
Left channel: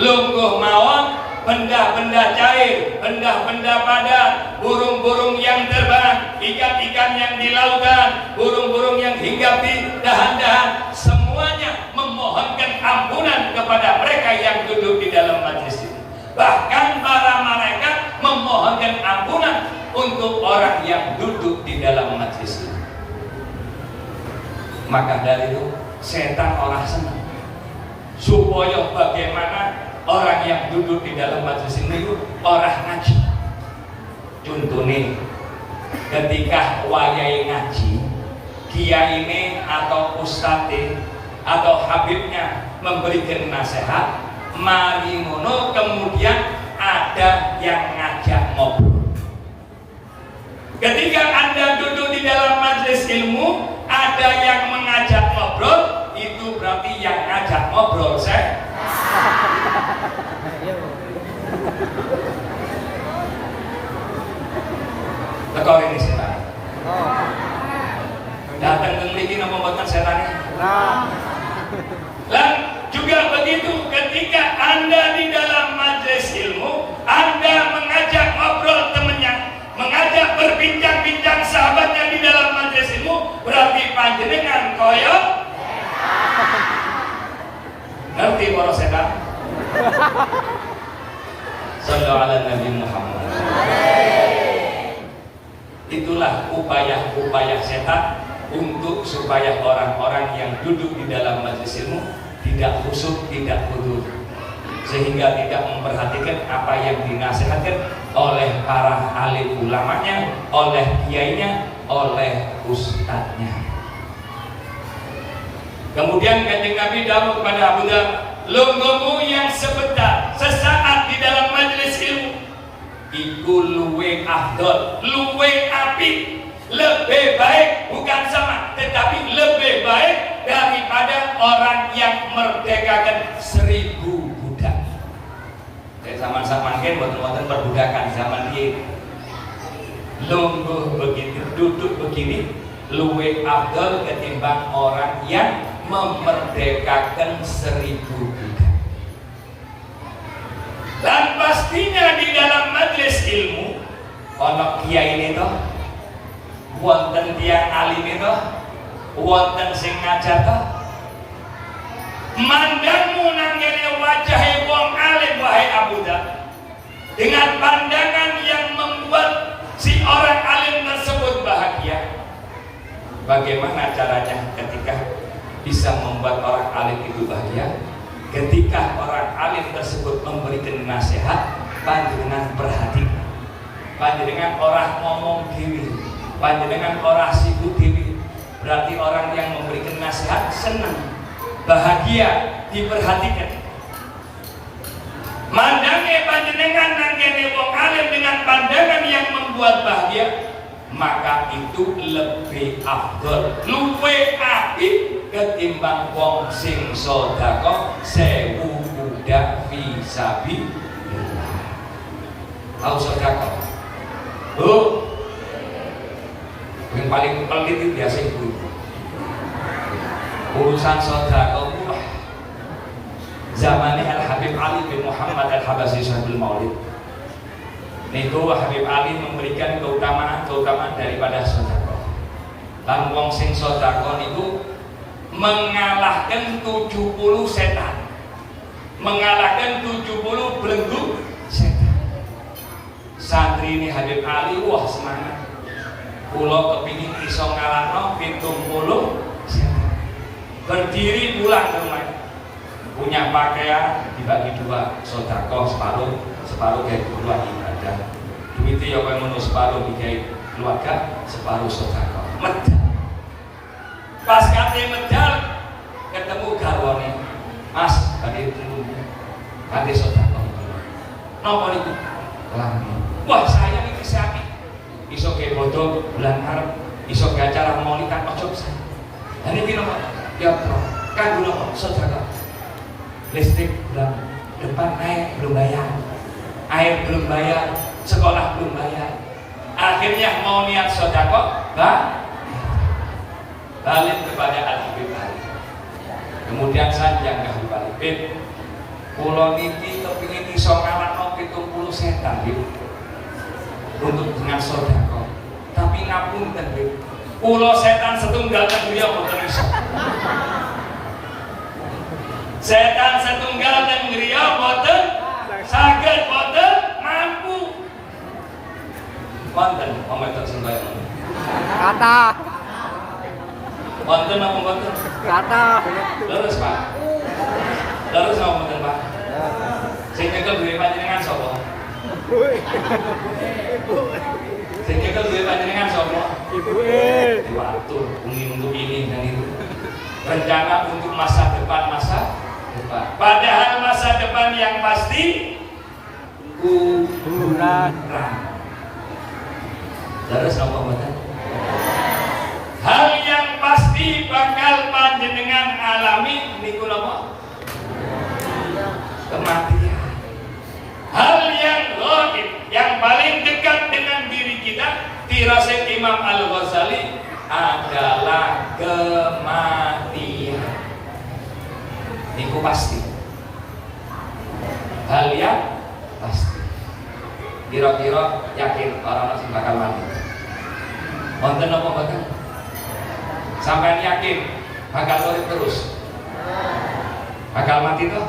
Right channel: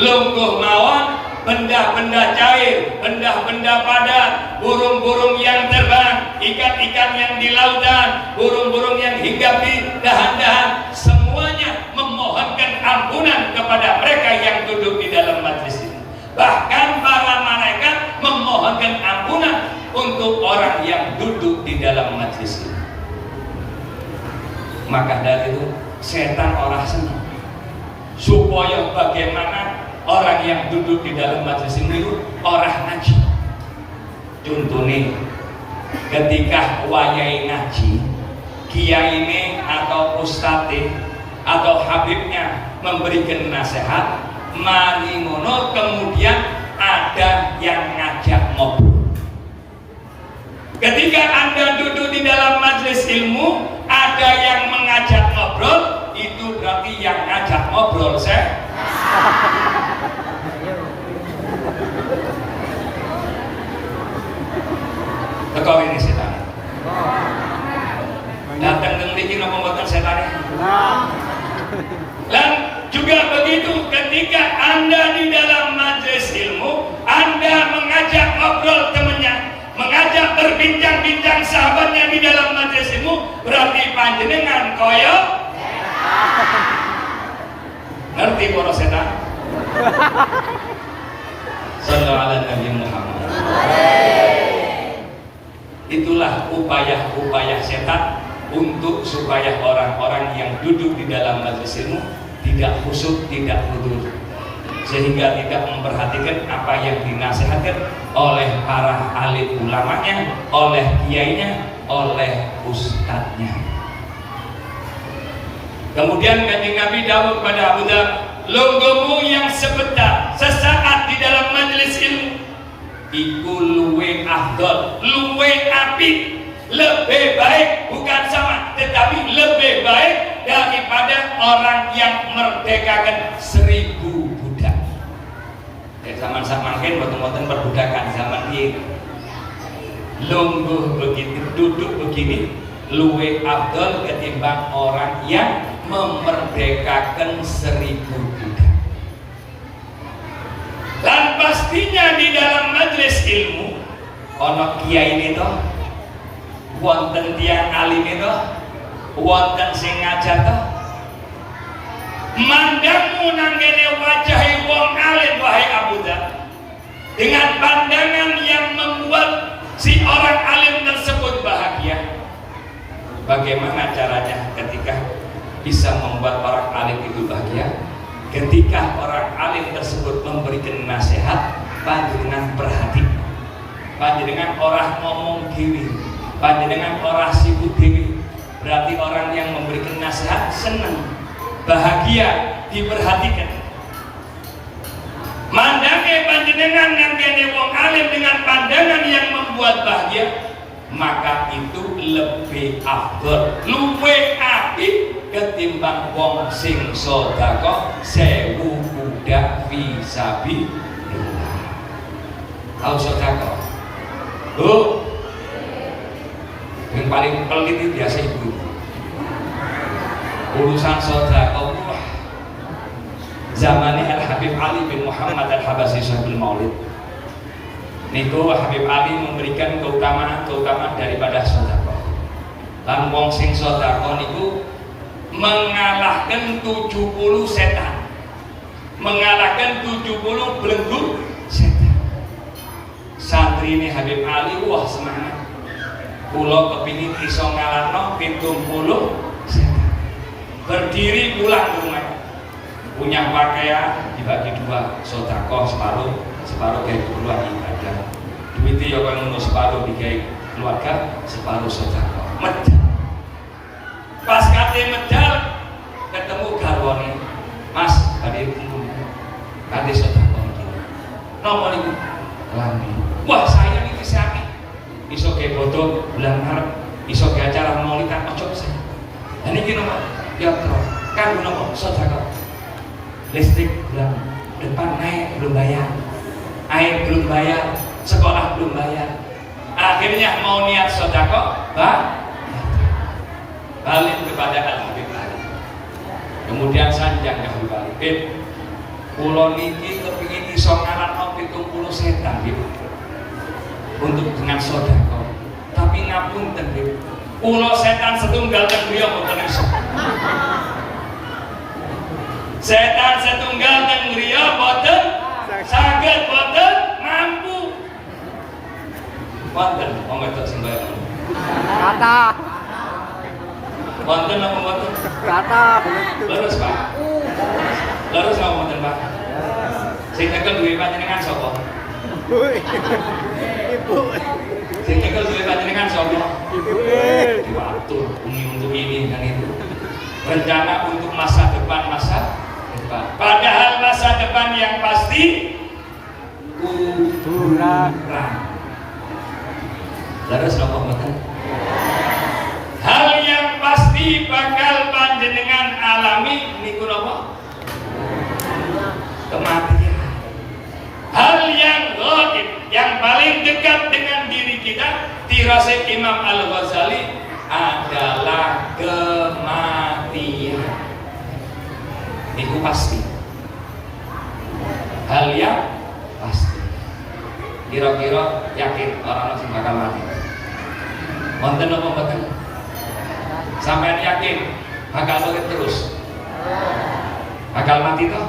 Lungguh mawon benda-benda cair, benda-benda padat, burung-burung yang terbang, ikan-ikan yang di lautan, burung-burung yang hinggap di dahan-dahan, semuanya memohonkan ampunan kepada mereka yang duduk di dalam majelis ini. Bahkan para malaikat memohonkan ampunan untuk orang yang duduk di dalam majelis ini. Maka dari itu setan orang senang supaya bagaimana orang yang duduk di dalam majelis ini orang ngaji. Contohnya ketika wayai ngaji, kiai ini atau ustadz atau habibnya memberikan nasihat, mari ngono kemudian ada yang ngajak ngobrol. Ketika Anda duduk di dalam majelis ilmu, ada yang mengajak ngobrol, itu berarti yang ngajak ngobrol saya. Tekor ini setan. Datang ke mriki napa mboten setannya? Dan juga begitu ketika Anda di dalam majelis ilmu, Anda mengajak ngobrol temannya, mengajak berbincang-bincang sahabatnya di dalam majelis ilmu, berarti panjenengan koyo ngerti para setan. Sallallahu ala Nabi Muhammad. Itulah upaya-upaya setan untuk supaya orang-orang yang duduk di dalam majelis ilmu tidak khusyuk, tidak khudu, sehingga tidak memperhatikan apa yang dinasihatkan oleh para alim ulamanya, oleh kiainya, oleh ustadznya. Kemudian Kanjeng Nabi dawuh kepada Abu Dar, lungguhmu yang sebentar, sesaat di dalam majelis ilmu, iku luwe afdol, luwe apik, lebih baik, bukan sama, tetapi lebih baik daripada orang yang merdekakan 1000 budak. Zaman-zaman kan boten-boten perbudakan zaman ini. Lungguh begitu, duduk begini, luwe afdol ketimbang orang yang memerdekakan 1000 budak. Dan pastinya di dalam majelis ilmu, ono kiai ini toh, wonten tiyang alim itu, wonten sing ngajar toh. Mandangmu nanggene wajahe wong alim wahai Abu Dar, dengan pandangan yang membuat si orang alim tersebut bahagia. Bagaimana caranya ketika bisa membuat orang alim itu bahagia? Ketika orang alim tersebut memberikan nasihat, panjenengan perhati. panjenengan orang ngomong dewi, panjenengan orang sibuk dewi, berarti orang yang memberikan nasihat senang, bahagia, diperhatikan. Mandange panjenengan nangkene wong alim dengan pandangan yang membuat bahagia, maka itu lebih afdol, luwih apik ketimbang wong sing sedekah 1000 budak fisabilillah. Tahu sedekah? Yang paling pelit itu biasa ibu. Urusan sedekah zamannya Al Habib Ali bin Muhammad Al Habasyi Sahibul Maulid. Niku Habib Ali memberikan keutamaan daripada sedekah. Lan wong sing sedekah niku mengalahkan 70 setan, mengalahkan 70 belenggu setan. Santri ini Habib Ali wah semangat. Kula kepingin iso ngalahno 70 setan. Berdiri pulang ke rumah. Punya pakaian dibagi dua, sedekah separuh kayak keluarga ibadah. Duitnya yang ngono separuh dikai keluarga, separuh sedekah. Medal. Pas kate medal ketemu garwane. Mas, badhe kumpul. Kate sedekah iki. Napa niku? Lambi. Wah, saya iki sakit. Iso ke bodoh bulan Maret, iso ke acara maulidan ojo saya. Lah niki napa? Ya, kan napa sedekah. Listrik bulan depan naik belum bayar, air belum bayar, sekolah belum bayar. Akhirnya mau niat sedekah, balik kepada Al Habib Ali. Kemudian sanjang ke Habib Ali, "Bib, kula niki kepingin iso ngalahno 70 setan gitu. Untuk dengan sedekah. Tapi ngapunten, Bib. Kula setan setunggal teng griya mboten iso." Setan setunggal teng griya boten saged boten mampu. Wonten wong wedok sing kaya ngono. Kata. Wonten apa mboten? Kata. Leres, Pak. Leres apa mboten, Pak? Sing nyekel duwe panjenengan sapa? Sing nyekel duwe panjenengan sapa? Diatur untuk ini dan itu. Rencana untuk masa depan. Padahal masa depan yang pasti kuburan. Terus apa betul? Hal yang pasti bakal panjenengan alami niku napa? Kematian. Hal yang gaib, yang paling dekat dengan diri kita, dirasih Imam Al-Ghazali adalah kematian. Itu pasti. Hal yang pasti. Kira-kira yakin orang masih bakal mati. Wonten apa mboten? Sampean yakin bakal urip terus? Bakal mati toh?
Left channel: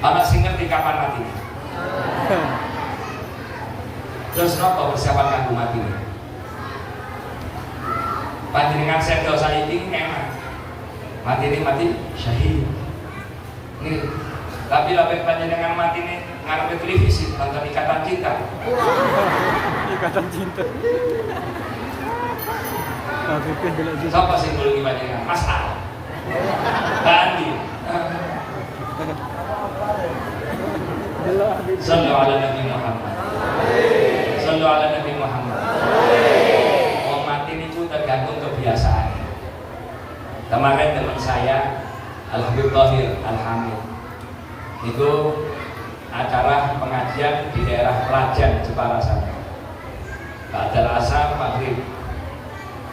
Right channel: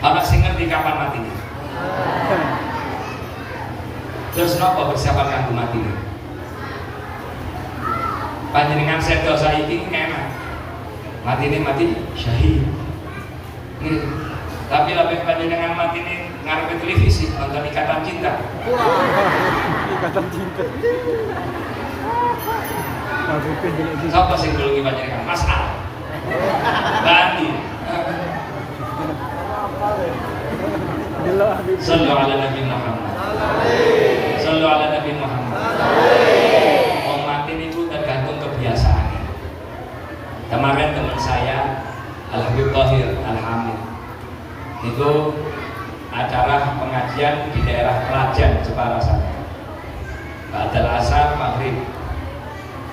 Ana sing ngerti kapan matinya? Terus napa persiapan kanggo mati? Panjenengan sedo saiki enak. Mati ini mati syahid. Nih, tapi lebih panjenengan mati ini ngarepe televisi nonton Ikatan Cinta. Ikatan Cinta. Siapa sing dulu panjenengan? Mas Al. Bandi. Sallu ala Nabi Muhammad. Sallu ala Nabi Muhammad. Mau mati itu tergantung kebiasaan. Kemarin teman saya Al Habib Tahir Al Hamid itu acara pengajian di daerah Klajen Jepara sana. Ba'dal asar maghrib.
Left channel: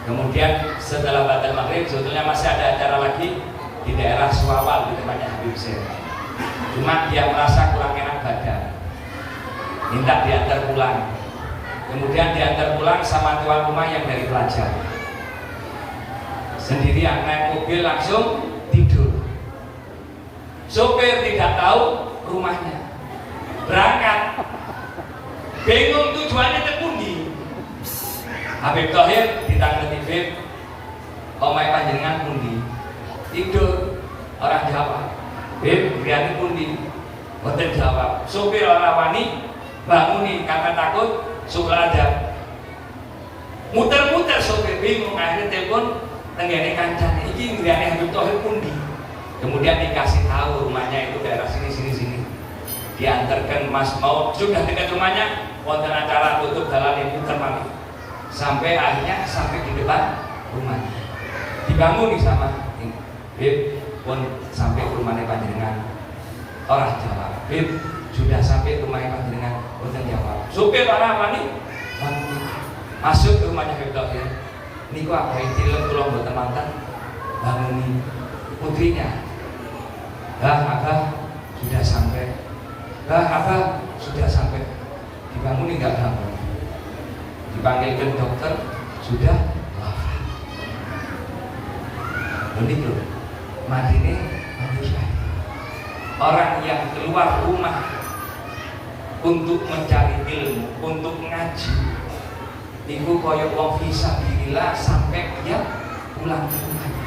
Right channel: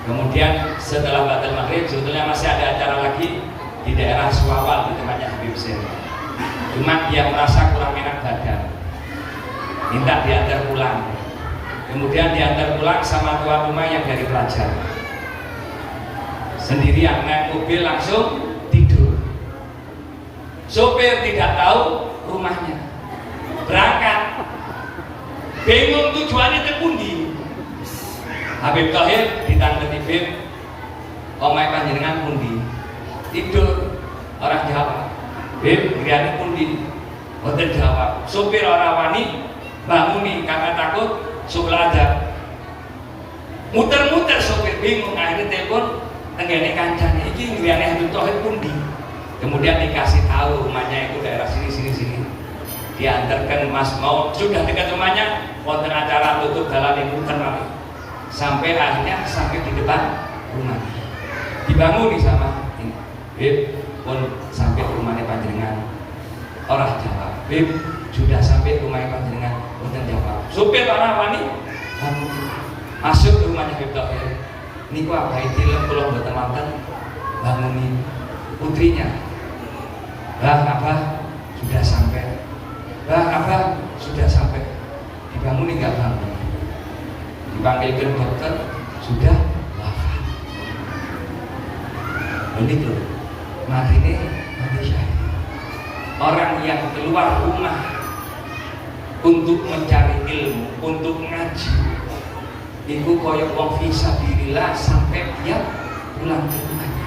Kemudian setelah ba'dal maghrib sebetulnya masih ada acara lagi di daerah Suwawal di tempatnya Habib Sen. Cuma dia merasa kurang enak badan, minta diantar pulang. Kemudian diantar pulang sama tuan rumah yang dari pelajar. Sendirian naik mobil langsung tidur. Sopir tidak tahu rumahnya. Berangkat. Bingung tujuannya ke pundi. Habib Tahir ditangani Habib, omahe panjenengan pundi? Tidur. Orang jawab. Bib, griyane pundi? Mboten jawab. Sopir ora wani bangun nih karena takut sholat aja. Muter-muter sopir bingung, akhirnya telepon tenggene kancane iki ngriane Habib Tauhid pundi. Kemudian dikasih tahu rumahnya itu daerah sini. Diantarkan Mas mau sudah dekat rumahnya, wonten acara tutup jalan muter balik. Sampai akhirnya sampai di depan rumah. Dibangun nih sama ini. Bib, pun sampai rumahnya panjenengan. Orang jawab, Bib, sudah sampai rumahnya panjenengan. Wonten jawab. Supir orang wani masuk ke rumahnya Habib Tauhid. Niku apa itu kula mboten manten banguni putrinya. Bah, Abah sudah sampai. Bah, Abah sudah sampai. Dibanguni enggak bangun. Dipanggilkan dokter, sudah wafat. Begitu. Mati ini mati syahid. Orang yang keluar rumah untuk mencari ilmu, untuk ngaji, itu koyok wong fisabilillah sampai dia pulang ke rumahnya.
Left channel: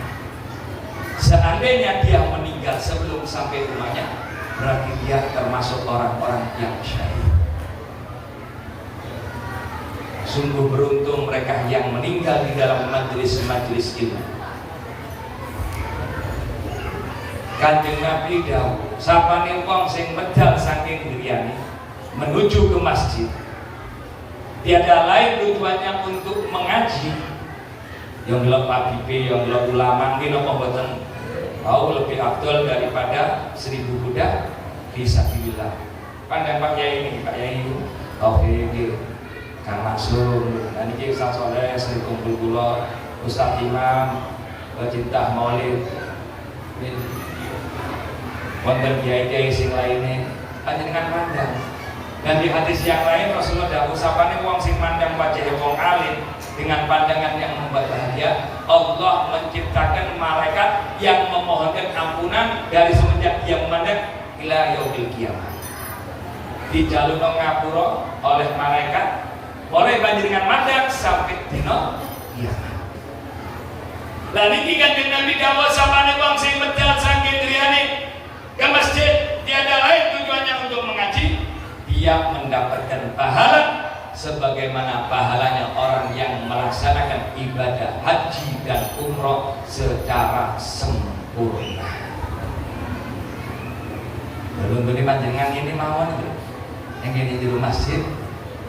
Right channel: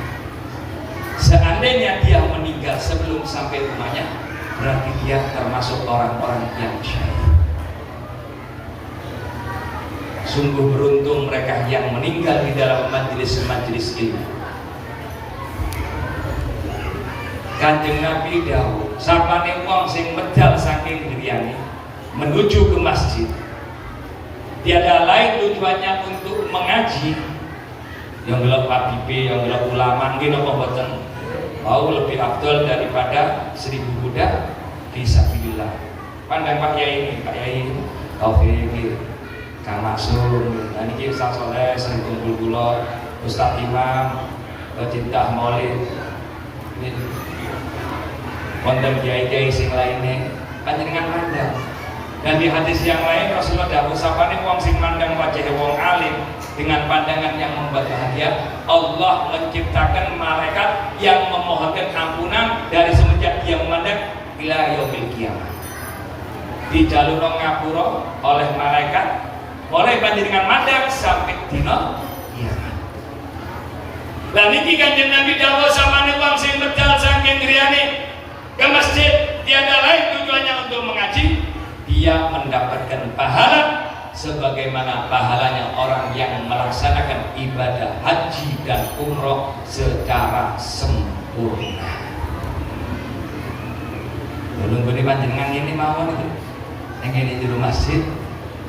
Seandainya dia meninggal sebelum sampai rumahnya, berarti dia termasuk orang-orang yang syahid. Sungguh beruntung mereka yang meninggal di dalam majelis-majelis ilmu. Kanjeng Nabi dawuh, sapane wong sing medal saking griyane menuju ke masjid, tiada lain tujuannya untuk mengaji. Yang gelap Habibi, yang gelap ulama, mungkin apa boten mau lebih afdol daripada 1000 budak fisabilillah. Pandang Pak Yai ini, Pak Yai Taufik, Kang Maksum, dan ini Ustaz Soleh, sering kumpul kula, Ustaz Imam, pecinta Maulid, konten kiai-kiai sing lainnya, panjenengan mandang. Dan di hadis yang lain Rasulullah dawuh sapane wong sing mandang wajah wong alim dengan pandangan yang membuat bahagia, Allah menciptakan malaikat yang memohonkan ampunan dari semenjak dia memandang ila yaumil qiyamah. Dijalurno ngapura oleh malaikat, oleh panjenengan mandang sampai dina kiamat. Lah niki Kanjeng Nabi dawuh sapane wong sing medal saking griyane ke masjid, tiada lain tujuannya untuk mengaji, dia mendapatkan pahala sebagaimana pahalanya orang yang melaksanakan ibadah haji dan umroh secara sempurna. Belum gede panjenengan ini mawon itu, yang ini di masjid,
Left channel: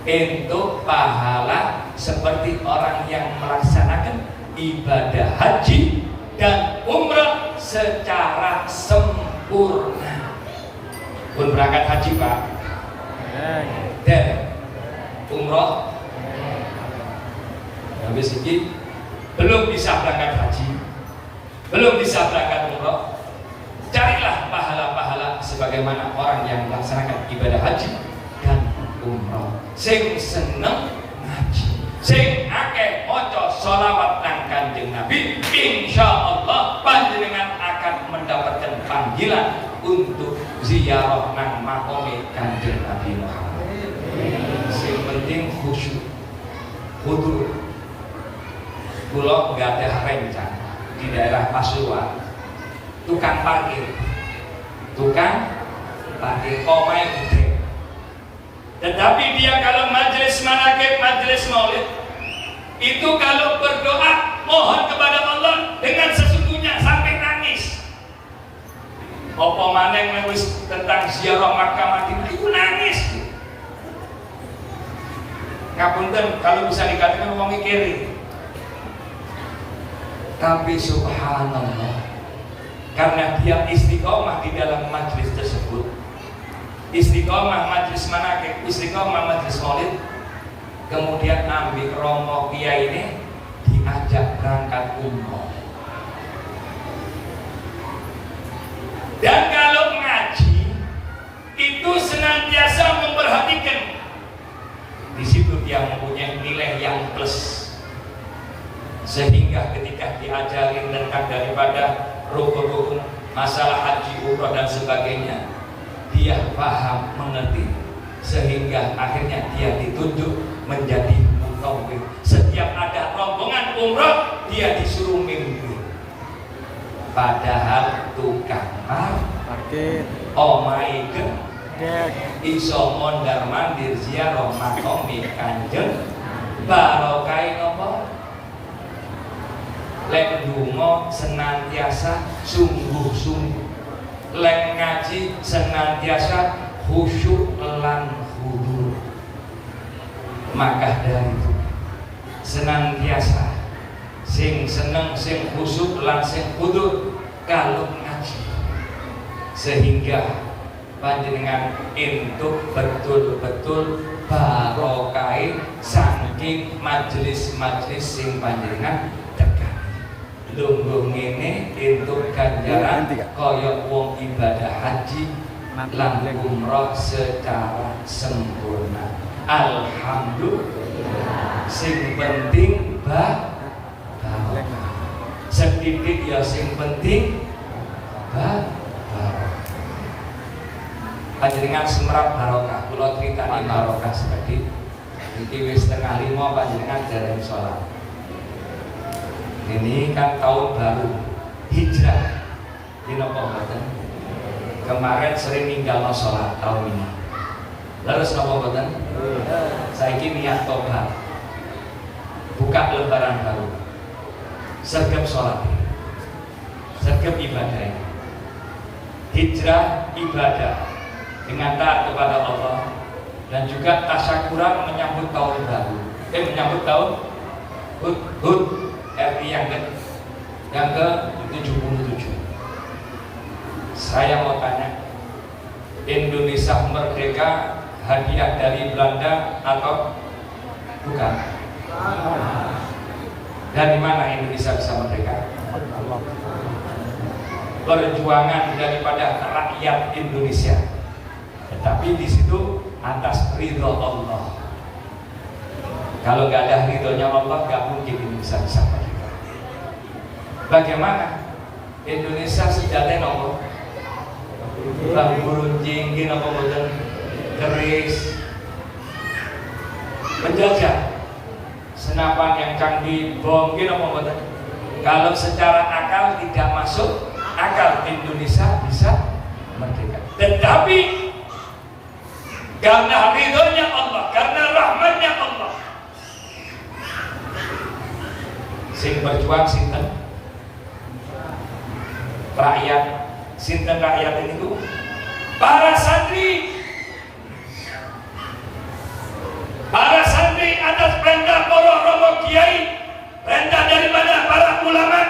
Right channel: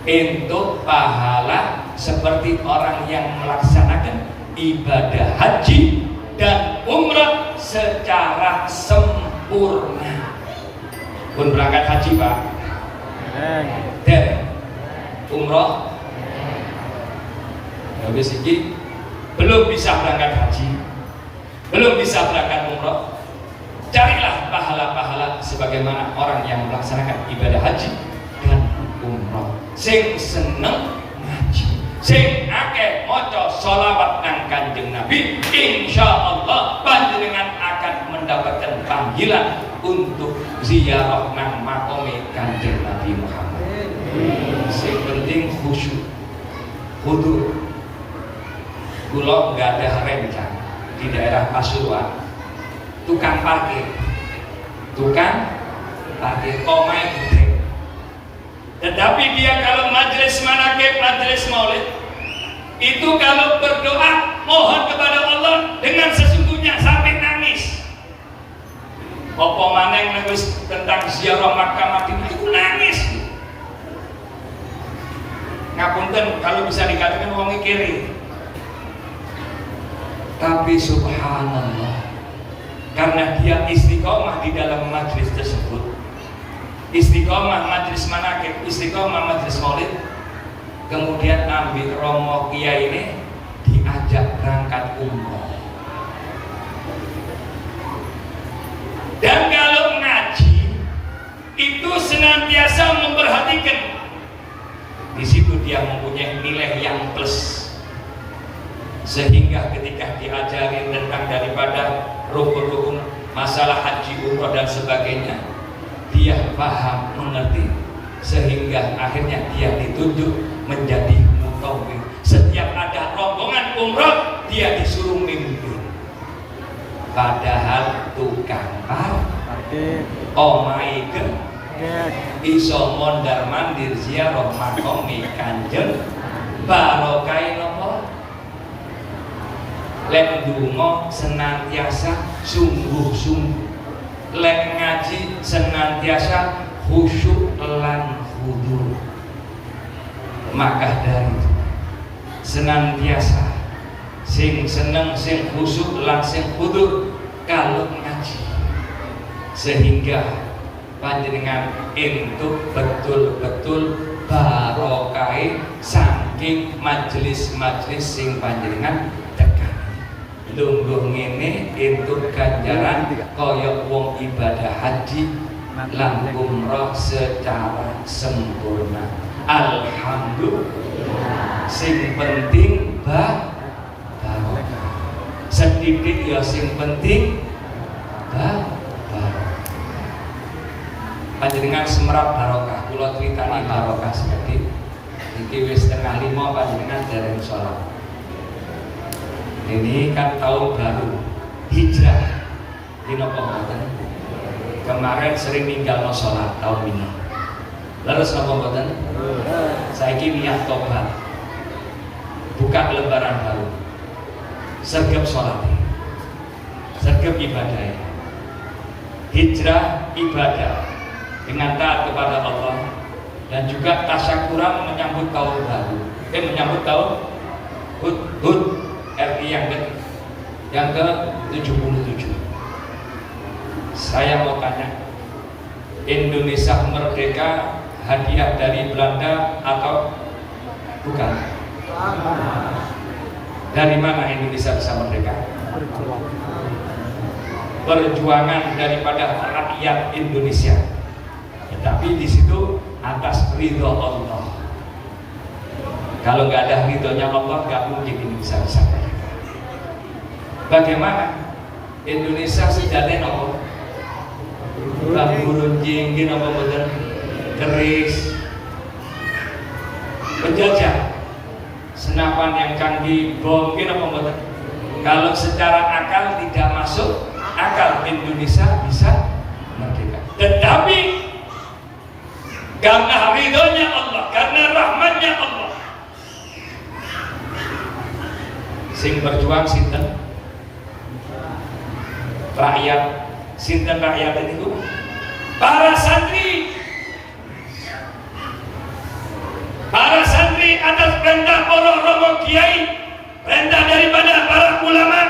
untuk pahala seperti orang yang melaksanakan ibadah haji dan umroh secara sempurna. Pun berangkat haji Pak, dan umroh, habis ini belum bisa berangkat haji, belum bisa berangkat umroh, carilah pahala-pahala sebagaimana orang yang melaksanakan ibadah haji dan umroh. Sing seneng ngaji, sing akeh maca sholawat nang Kanjeng Nabi, insyaallah panjenengan akan mendapatkan panggilan untuk ziarah nang makome Kanjeng Nabi Muhammad. Sing penting khusyuk, hudur. Kula nggak ada rencana di daerah Pasuruan, tukang parkir omai putri. Tetapi dia kalau majelis manakib, majelis maulid, itu kalau berdoa mohon kepada Allah dengan sesungguhnya sampai nangis. Apa maneh nulis tentang ziarah Makkah Madinah itu nangis. Ngapunten kalau bisa dikatakan wong kiri. Tapi subhanallah, karena dia istiqomah di dalam majlis tersebut, istiqomah majlis manakib, istiqomah majlis maulid, kemudian Nabi Romo Kiai ini diajak berangkat umroh. Dan kalau ngaji itu senantiasa memperhatikan, di situ dia mempunyai nilai yang plus, sehingga ketika diajari tentang daripada rukun-rukun masalah haji, umroh dan sebagainya, dia paham, mengerti, sehingga akhirnya dia ditunjuk menjadi mukawwim. Setiap ada rombongan umroh, dia disuruh mimpin. Padahal tukang parkir omai iso mondar mandir ziarah makome Kanjeng barokai nopo lek ndonga senantiasa sungguh-sungguh, lek ngaji senantiasa khusyuk lan khudur. Maka dari itu senantiasa sing seneng sing khusyuk lan sing khudur kalau ngaji, sehingga panjenengan entuk betul-betul barokai saking majelis-majelis sing panjenengan tekan. Lungguh ngene entuk ganjaran kaya wong ibadah haji lan umrah secara sempurna. Alhamdulillah. Sing penting barokah. Sedikit ya sing penting barokah. Panjenengan semerap barokah, kula critani barokah seperti iki wis 4:30 panjenengan dereng salat. Ini kan tahun baru hijrah. Dina mboten. Kemarin sering ninggalno salat tahun ini. Lalu napa mboten? Saiki niat tobat. Buka lembaran baru. Sergap salat. Sergap ibadah. Hijrah ibadah dengan taat kepada Allah dan juga tasyakuran menyambut tahun baru. Menyambut tahun Hud RI yang ke-77. Saya mau tanya, Indonesia merdeka hadiah dari Belanda atau bukan? Dari mana Indonesia bisa merdeka? Perjuangan daripada rakyat Indonesia. Tetapi di situ atas ridho Allah. Kalau nggak ada ridhonya Allah, nggak mungkin Indonesia bisa merdeka. Bagaimana Indonesia sejatinya nopo? Ulah burunjing, nopo betul keris, penjajah, senapan yang canggih, bom, nopo betul. Kalau secara akal tidak masuk akal Indonesia bisa merdeka. Tetapi karena ridhonya Allah, karena rahmatnya Allah, sing berjuang sinten? Rakyat. Sinten rakyat itu? Para santri. Para santri atas perintah para romo kiai, perintah daripada para ulama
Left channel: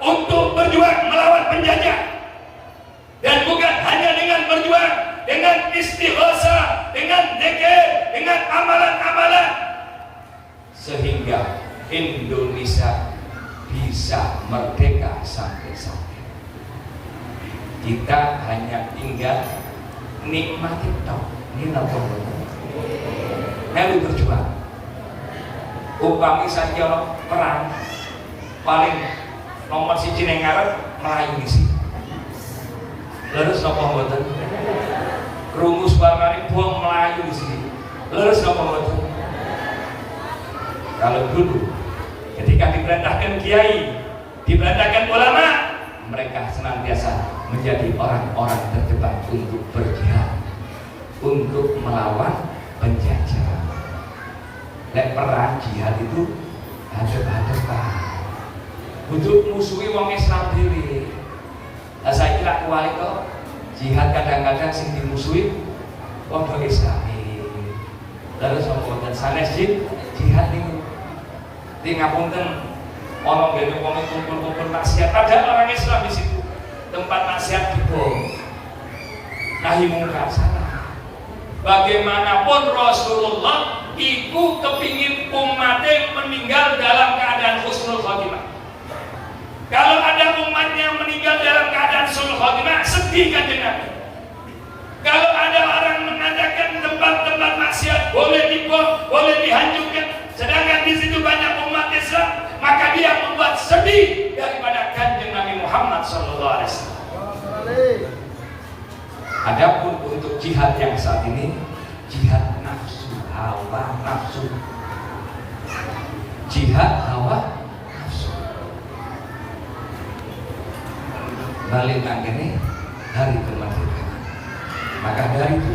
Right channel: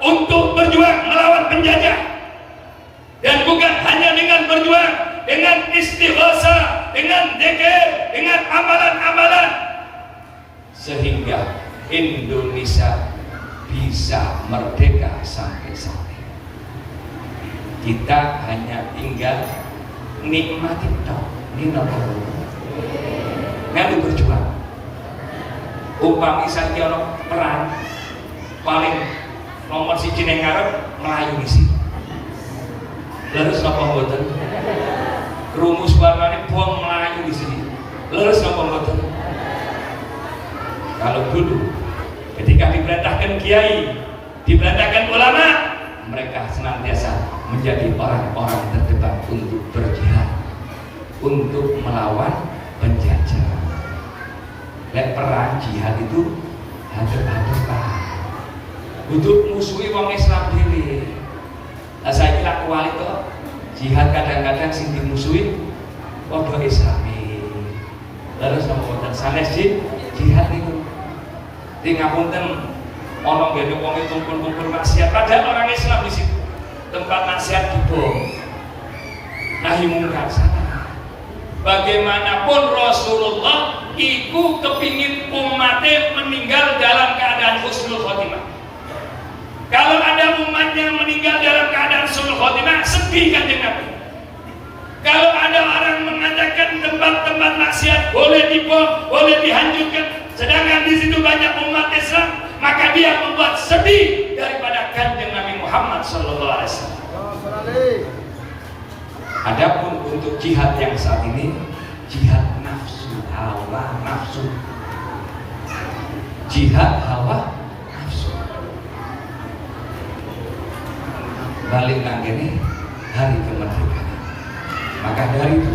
untuk berjuang melawan penjajah. Dan bukan hanya dengan berjuang, dengan istighosah, dengan zikir, dengan amalan-amalan, sehingga Indonesia bisa merdeka sampai-sampai. Kita hanya tinggal nikmati tok, ini nopo. Melu berjuang. Upami saiki ana perang paling nomor 1 ning ngarep Melayu isi. Leres napa mboten? Rumus warnane bom Melayu di sini. Leres napa mboten? Kalau dulu ketika diperintahkan kiai, diperintahkan ulama, mereka senantiasa menjadi orang-orang terdepan untuk berjihad, untuk melawan penjajah. Lek perang jihad itu hadap-hadapan. Untuk musuhi wong Islam dhewe. Lah saiki lak kuali kok jihad kadang-kadang sing dimusuhi padha Islami. Lalu sampeyan sanes jihad niku. Di ngapunten ana ngene wong kumpul-kumpul maksiat, ada orang Islam di situ. Tempat nasihat dibom. Nahi mungkar sana. Bagaimanapun Rasulullah iku kepingin umatnya meninggal dalam keadaan husnul khotimah. Kalau ada umatnya meninggal dalam keadaan husnul khotimah, sedih kan Nabi. Kalau ada orang mengatakan tempat-tempat maksiat boleh dibom, boleh dihancurkan, sedangkan di situ banyak umat Islam, maka dia membuat sedih daripada Kanjeng Nabi Muhammad SAW. Adapun untuk jihad yang saat ini, jihad nafsu, hawa nafsu, jihad hawa nafsu. Balik lagi nih hari kemerdekaan. Maka dari itu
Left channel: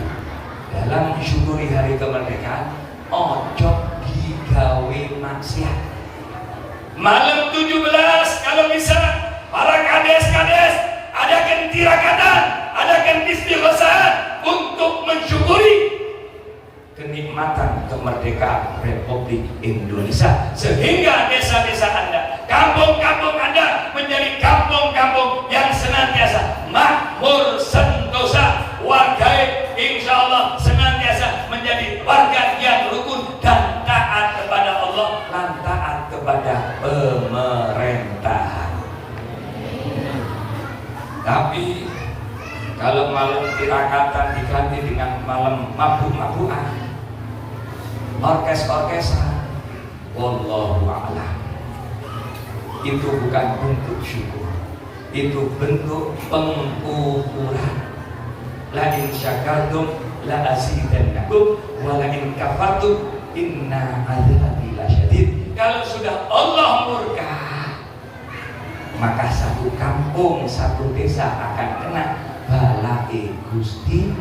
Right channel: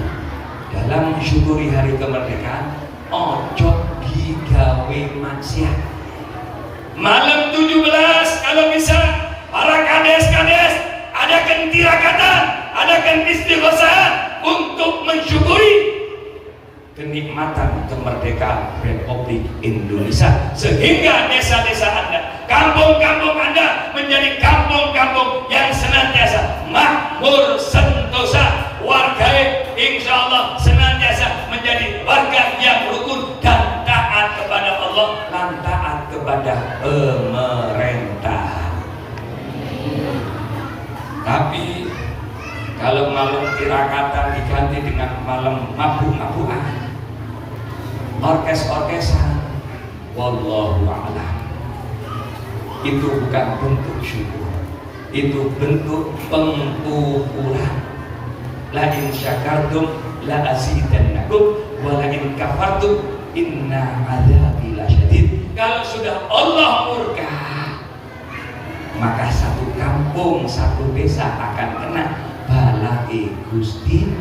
dalam mensyukuri hari kemerdekaan, ojo digawe maksiat. Malam 17 kalau bisa para kades-kades adakan tirakatan, adakan istighosahan untuk mensyukuri kenikmatan kemerdekaan Republik Indonesia, sehingga desa-desa Anda, kampung-kampung Anda menjadi kampung-kampung yang senantiasa makmur sentosa, warga insya Allah senantiasa menjadi warga yang rukun dan taat kepada Allah dan taat kepada pemerintah. Tapi kalau malam tirakatan diganti dengan malam mabuk-mabukan, orkes-orkesan, wallahu a'lam, itu bukan bentuk syukur, itu bentuk pengkukuran. La in syakartum la azidannakum wa la in kafartum inna adzabi lasyadid. Kalau sudah Allah murka, maka satu kampung, satu desa akan kena balai Gusti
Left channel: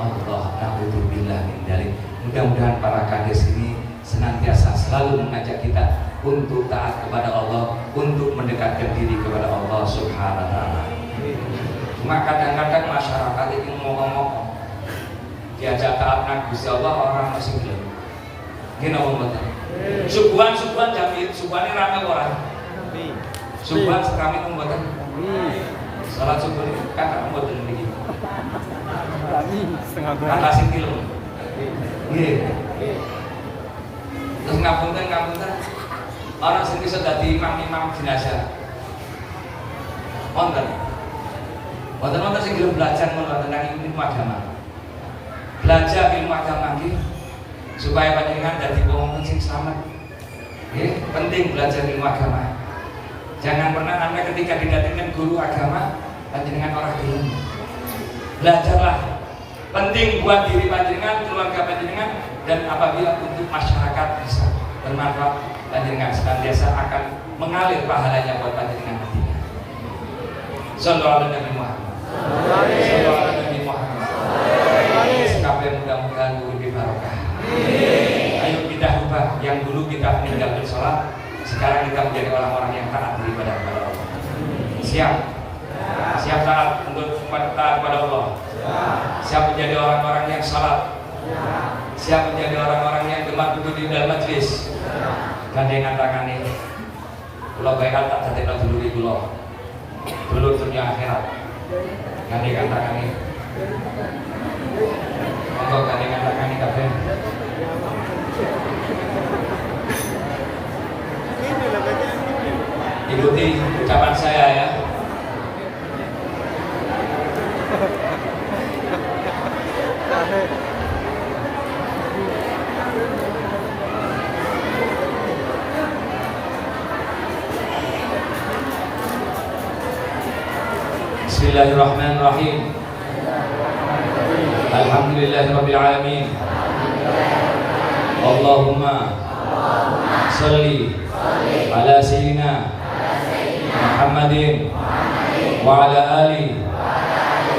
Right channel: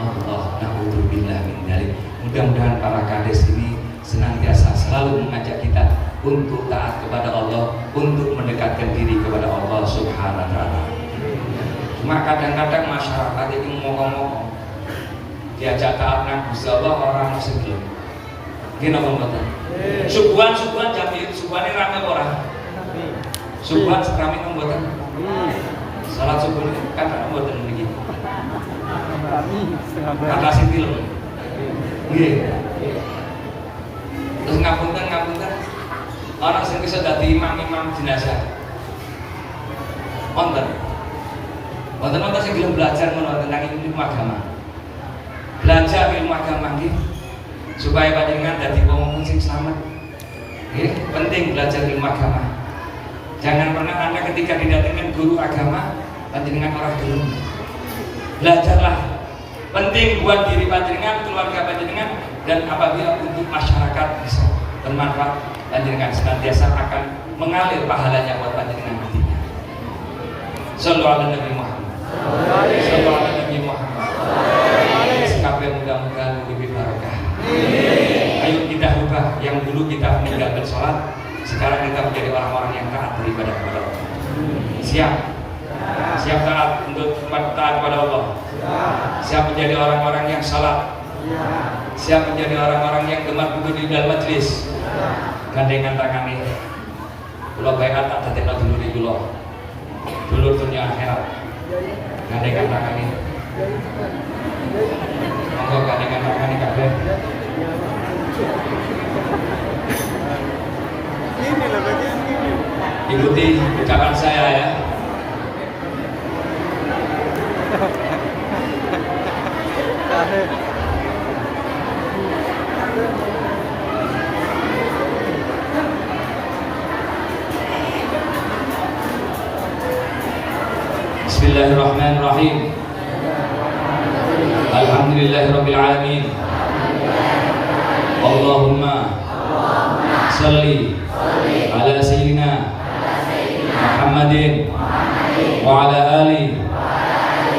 Allah. Na'udzubillah min dzalik. Mudah-mudahan para kades ini senantiasa selalu mengajak kita untuk taat kepada Allah, untuk mendekatkan diri kepada Allah Subhanahu wa ta'ala. Cuma kadang-kadang masyarakat ini ngomong-ngomong diajak taat nang Gusti Allah orang masih belum. Gini ngomong betul. Subuhan jadi subuhane rame orang. Subuhan serami ngomong. Salat subuh kan mboten begini. Kata sintil. Nggih. Terus ngapunten orang sing bisa dadi imam jenazah. Wonten sing gelem belajar tentang ilmu agama. Belajar ilmu agama nggih supaya panjenengan dadi wong sing selamat. Nggih, penting belajar ilmu agama. Jangan pernah Anda ketika didatangkan guru agama panjenengan orang dulu. Belajarlah. Penting buat diri panjenengan, keluarga panjenengan, dan apabila untuk masyarakat bisa bermanfaat, panjenengan senantiasa akan mengalir pahalanya buat panjenengan nantinya. Sallallahu alaihi Nabi Muhammad. Sallallahu alaihi Nabi Muhammad. Sekape mudah-mudahan lebih barokah. Ayo kita ubah yang dulu kita meninggalkan sholat, sekarang kita menjadi orang-orang yang taat beribadah kepada Allah. Siap taat untuk taat kepada Allah. Siap menjadi orang-orang yang salat. Siap menjadi orang-orang yang gemar duduk di dalam majlis. Gandengan tangan ini. Kula bayat tak dadekno dulure kula. Dulur dunia akhirat. Gandengan tangan ini. Monggo gandengan tangan ini kabeh. Ikuti ucapan saya ya. Bismillahirrahmanirrahim. Alhamdulillahirabbil alamin. Allahumma shalli ala sayyidina Muhammadin wa ala alihi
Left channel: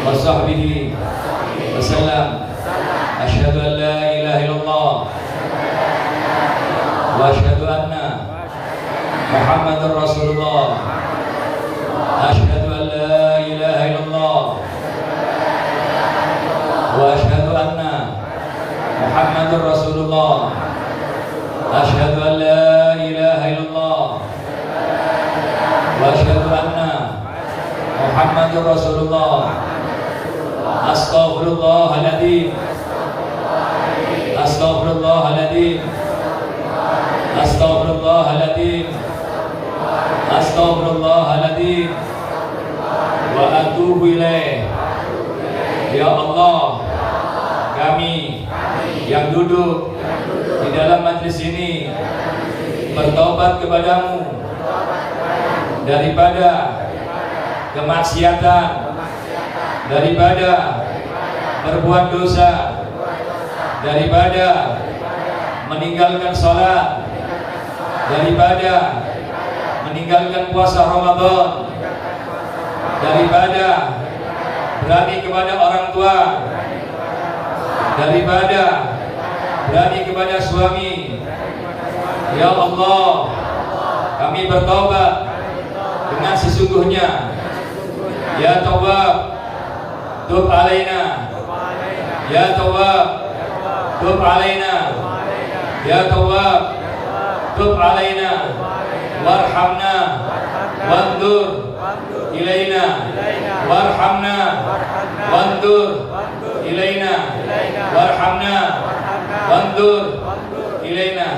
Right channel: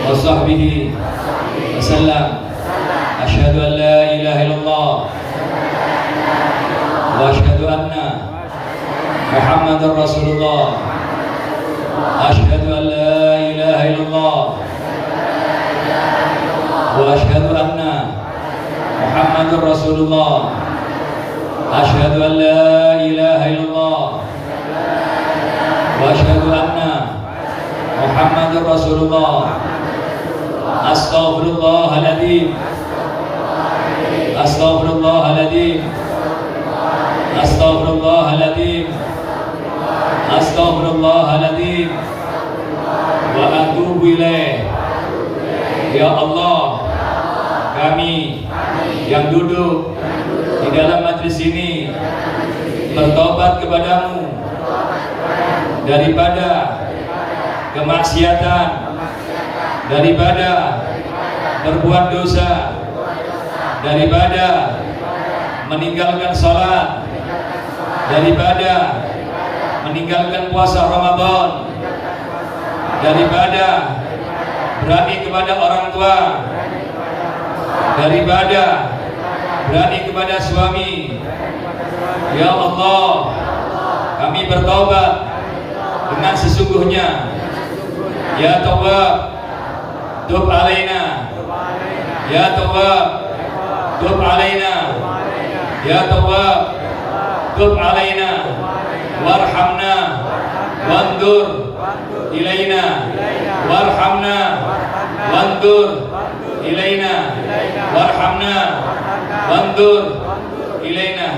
wa sahbihi wa sallam. Asyhadu an la ilaha illallah wa asyhadu anna Muhammadar Rasulullah. Asyhadu an la ilaha illallah wa asyhadu anna Muhammadar Rasulullah. Asyhadu an la ilaha illallah wa asyhadu anna Muhammadar Rasulullah. Astaghfirullahaladzim. Astaghfirullahaladzim. Astaghfirullahaladzim. Astaghfirullahaladzim. Wa atubu ilaih. Ya Allah, kami yang duduk di dalam majlis ini bertobat kepadamu daripada kemaksiatan, daripada berbuat dosa, daripada meninggalkan sholat, daripada meninggalkan puasa Ramadan, daripada berani kepada orang tua, daripada berani kepada suami. Ya Allah, kami bertobat dengan sesungguhnya. Ya Tawwab, tub alaina. Ya Tawwab, tub alaina. Ya Tawwab, tub alaina. Warhamna wandur ilaina. Warhamna wandur ilaina. Warhamna wandur ilaina.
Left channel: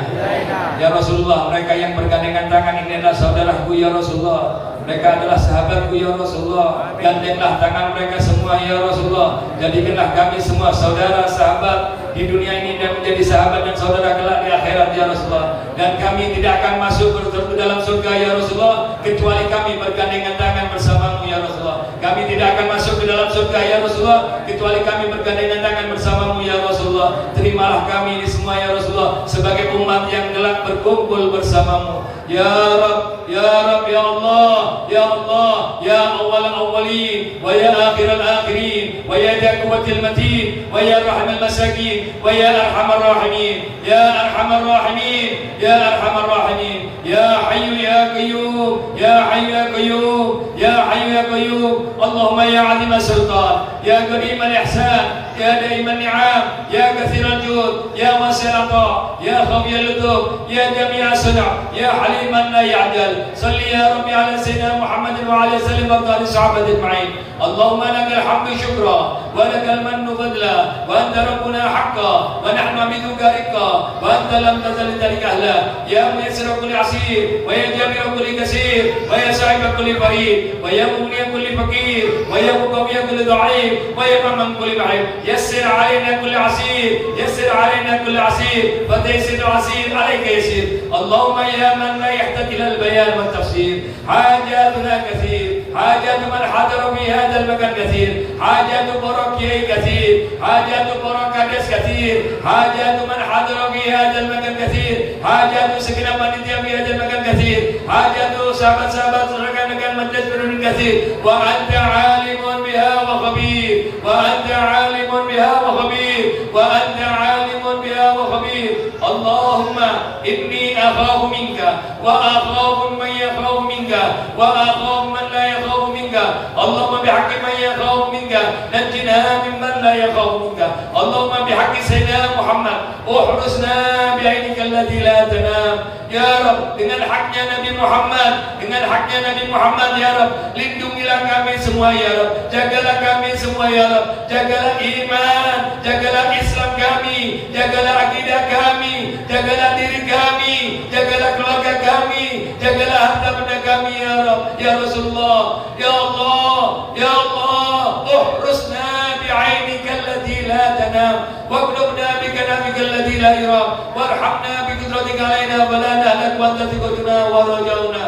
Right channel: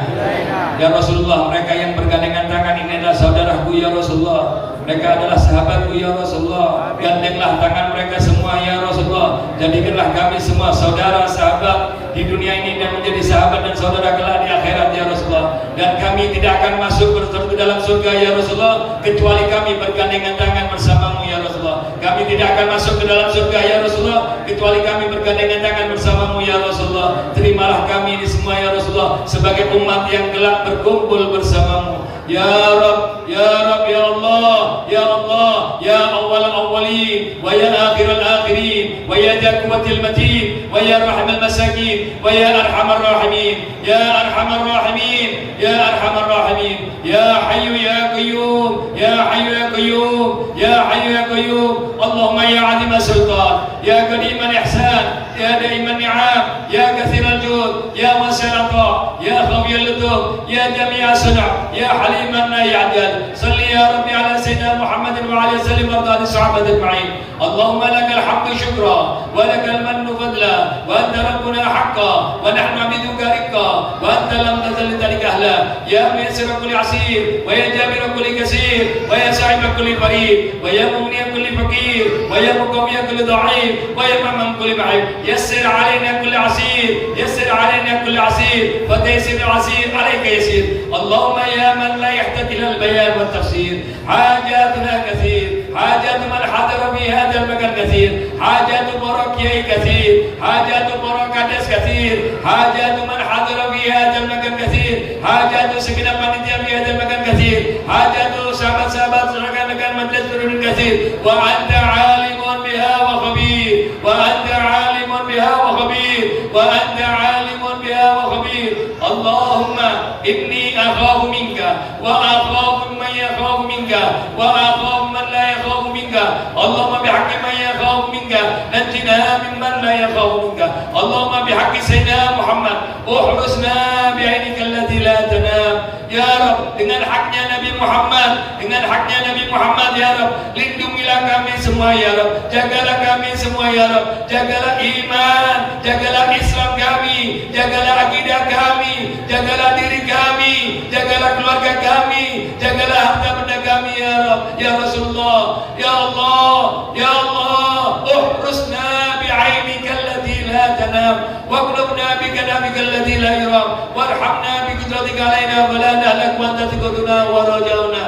Ya Rasulullah, mereka yang bergandengan tangan ini adalah saudaraku ya Rasulullah. Mereka adalah sahabatku ya Rasulullah. Gandenglah tangan mereka semua ya Rasulullah. Jadikanlah kami semua saudara sahabat di dunia ini dan menjadi sahabat dan saudara kelak di akhirat ya Rasulullah. Dan kami tidak akan masuk ke dalam surga ya Rasulullah kecuali kami bergandengan tangan bersamamu ya Rasulullah. Kami tidak akan masuk ke dalam surga ya Rasulullah kecuali kami bergandengan tangan bersamamu ya Rasulullah. Terimalah kami ini semua ya Rasulullah sebagai umat yang kelak berkumpul bersamamu. Ya Rabb, Ya Rabb, Ya Allah, Ya Allah, Ya Awwal Awwalin, wa Ya Akhir Akhirin, wa Ya Dzal Quwwatil Matin, wa Ya Rahmal Masakin, wa Ya Arhamar Rahimin, Ya Arhamar Rahimin, Ya Arhamar Rahimin, Ya Hayyu Ya Qayyum, Ya Hayyu Ya Qayyum, Ya Hayyu Ya Qayyum. Allahumma Ya Azim Sultan, Ya Karim Al-Ihsan, Ya Daim Al-Ni'am, Ya Kathir Al-Jud, Ya Wasi' Al-Ata, Ya Qawi Al-Lutuf, Ya Jami' Al-Sana', Ya Halim An-La Ya'dal. Salli Ya Rabbi ala Sayyidina Muhammadin wa ala sallim warda ali sahabati ajma'in. Allahumma lakal hamdu syukra wa lakal mannu fadla wa anta rabbuna haqqa wa nahnu abiduka rikka wa anta lam tazal lidhalika ahla. Ya muyassir kulli asir wa ya jabir kulli kasir wa ya sa'ib kulli farid wa ya mughni kulli faqir wa ya muqawwi kulli dha'if wa ya man kulli ba'id. Yassir alaina kulli asir, yassir alaina kulli asir fa taysir asir alayka yasir. Allahumma ya man la yahtadi ila al-bayan wa tafsir hajatuna kathir, hajat man hadara fi hadha al-makan kathir, hajat para kiai kathir, hajat para kades kathir, hajat man hadara fi hadha al-makan kathir, hajat segenap panitia fi hadha al-makan kathir, hajat sahabat-sahabat rekan-rekan majlis Nurul kathir. Wa anta alimun biha wa khabir, wa anta alimun biha wa khabir, wa anta alimun biha wa khabir. Allahumma inni akhafu minka wa akhafu man yakhafu minka wa akhafu man la yakhafu minka. Allahumma bihaqqi man yakhafu minka najjina mimman la yakhafu minka. Allahumma bihaqqi sayyidina Muhammad uhrusna bi'ainika allati la tanam. Ya Rabb, dengan haknya Nabi Muhammad, dengan haknya Nabi Muhammad ya Rabb, lindungilah kami semua ya Rabb, jagalah kami semua ya Rabb, jagalah iman, jagalah Islam kami, jagalah akidah kami, jagalah diri kami, jagalah keluarga kami, jagalah harta benda kami ya Rabb, ya Rasulullah, ya Allah, ya Allah, uhrusna bi'ainika allati la tanam waqlubna bikanamika allati la yuram warhamna biqudratika alaina wa la nahlak wa anta tuqduna wa rajauna.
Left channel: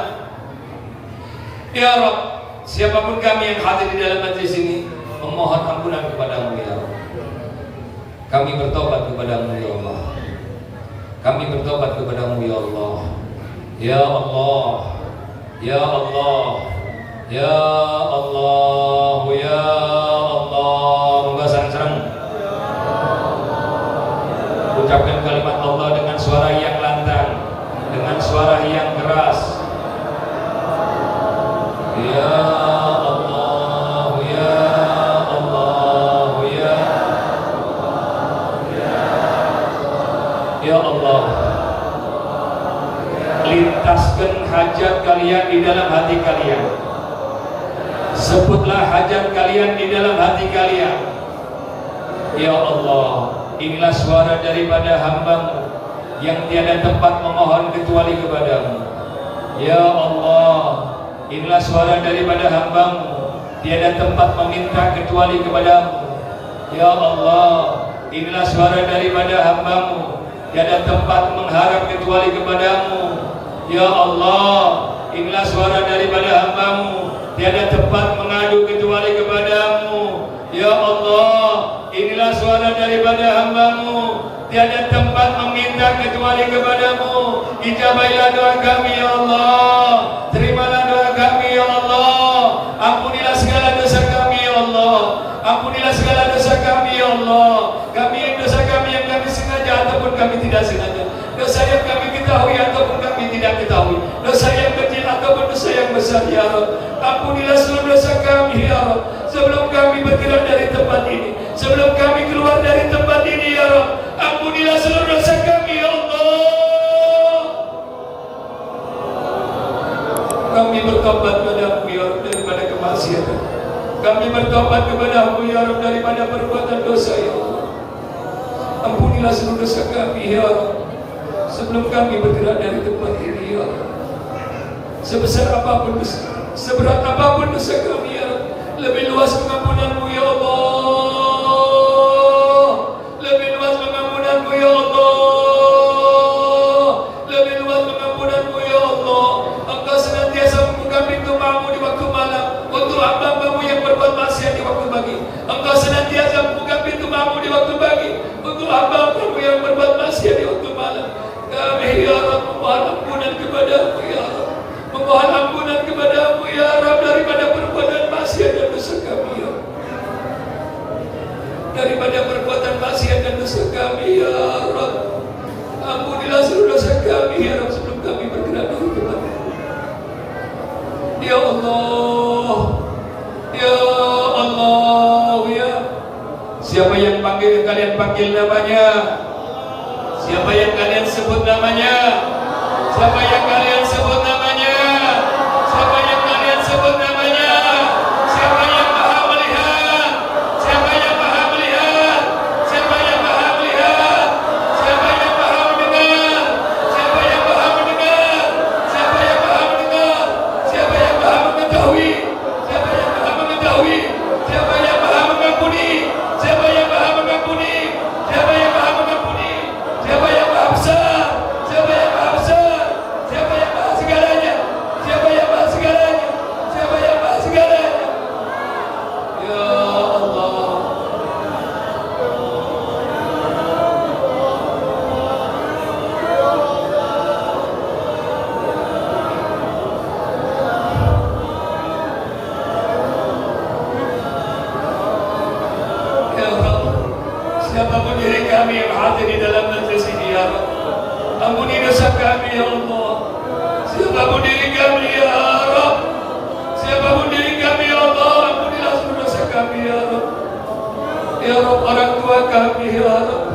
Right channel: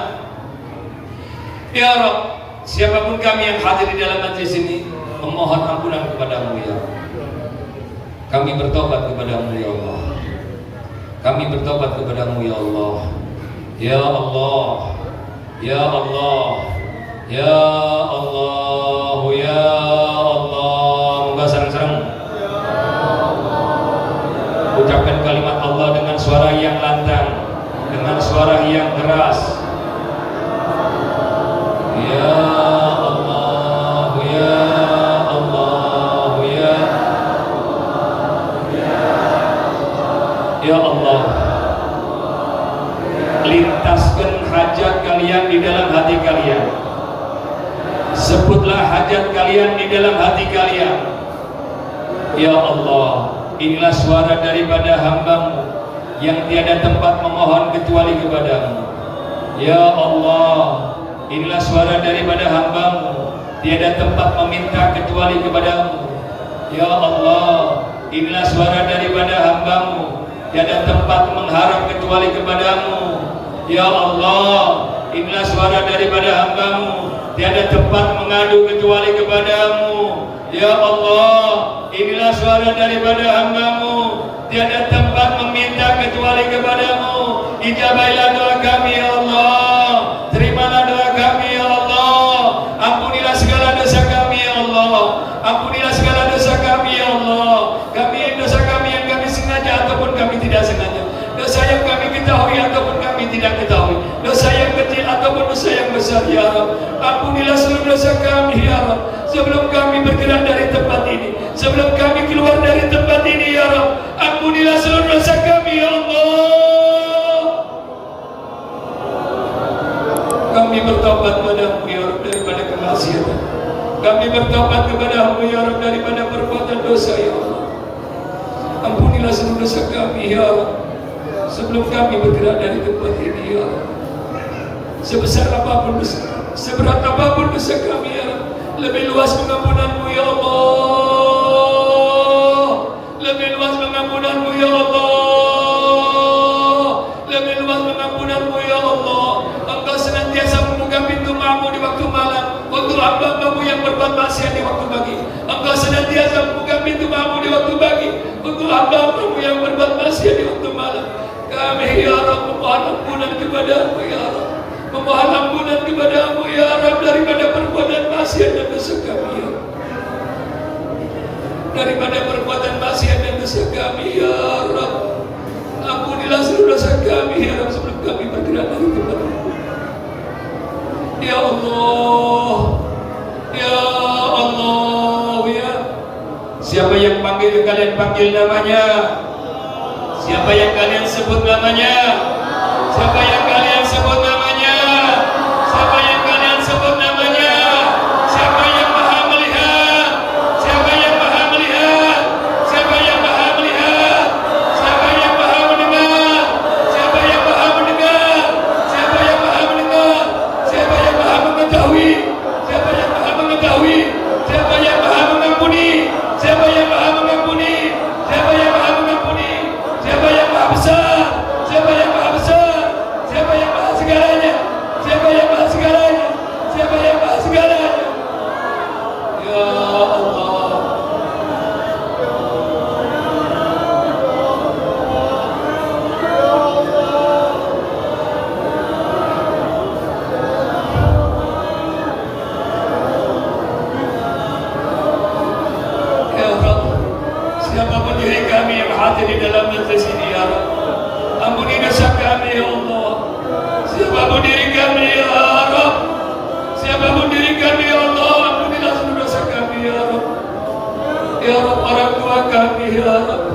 Ya Rabb, siapapun kami yang hadir di dalam majlis ini memohon ampunan kepadamu ya Rabb. Kami bertobat kepadamu ya Allah. Kami bertobat kepadamu ya Allah. Ya Allah, ya Allah, ya Allah, ya Allah. Moga sareng-sareng ucapkan kalimat Allah dengan suara yang lantang, dengan suara yang keras. Ya Allah, ya Allah, ya Allah. Lintaskan hajat kalian di dalam hati kalian. Sebutlah hajat kalian di dalam hati kalian. Ya Allah, inilah suara daripada hamba-Mu yang tiada tempat memohon kecuali kepadamu. Ya Allah, inilah suara daripada hamba-Mu, tiada tempat meminta kecuali kepadamu. Ya Allah, inilah suara daripada hamba-Mu, tiada tempat mengharap kecuali kepadamu. Ya Allah, inilah suara daripada hamba-Mu, tiada tempat mengadu kecuali kepadamu. Ya Allah, inilah suara daripada hamba-Mu, tiada tempat meminta kecuali kepadamu. Ijabailah doa kami ya Allah, terimalah doa kami ya Allah. Ampunilah segala dosa kami ya Allah, ampunilah segala dosa kami ya Allah. Kami besar ya Rabb. Ampunilah seluruh dosa kami ya Rabb. Sebelum kami bergerak dari tempat ini, sebelum kami keluar dari tempat ini ya Rabb, ampunilah seluruh dosa kami ya Allah. Kami bertobat padamu ya Rabb daripada kemaksiatan. Kami bertobat kepada-Mu ya Rabb daripada perbuatan dosa ya Allah. Ampunilah seluruh dosa kami ya Rabb. Sebelum kami bergerak dari tempat ini ya Allah. Sebesar apapun dosa, seberat apapun dosa kami ya Rabb, lebih luas pengampunan-Mu ya Allah. Lebih luas pengampunan-Mu ya Allah. Lebih luas pengampunan-Mu ya Allah. Engkau senantiasa membuka pintu maaf-Mu di waktu malam untuk hamba-Mu yang berbuat maksiat di waktu pagi. Engkau senantiasa membuka pintu maaf-Mu di waktu pagi untuk hamba-Mu yang berbuat maksiat di waktu malam. Kami ya Rabb memohon ampunan kepada-Mu ya Rabb. Memohon ampunan kepada-Mu ya Rabb daripada perbuatan maksiat dan dosa kami ya Rabb. Daripada perbuatan maksiat dan dosa kami ya Rabb. Ampunilah seluruh dosa kami ya Rabb sebelum kami bergerak dari tempat ini. Ya Allah, ya Allah ya. Siapa yang panggil kalian panggil namanya? Siapa yang kalian sebut namanya? Siapa yang kalian sebut namanya? Siapa yang kalian sebut namanya? Siapa yang Maha melihat? Siapa yang Maha melihat? Siapa yang Maha melihat? Siapa yang Maha mendengar? Siapa yang Maha mendengar? Siapa yang Maha mendengar? Siapa yang Maha mengetahui? Siapa yang Maha mengetahui? Siapa yang Maha mengampuni? Siapa yang Maha mengampuni? Siapa yang Maha mengampuni? Siapa yang Maha besar? Siapa yang Maha besar? Siapa yang Maha segalanya? Siapa yang Maha segalanya? Siapa yang Maha segalanya? Ya Allah. Ya Rabb, siapapun diri kami yang hadir di dalam majlis ini ya Rabb, ampuni dosa kami ya Allah. Siapapun diri kami ya Rabb, siapapun diri kami ya Allah, ampunilah seluruh dosa kami ya Rabb. Ya Rabb, orang tua kami ya Rabb,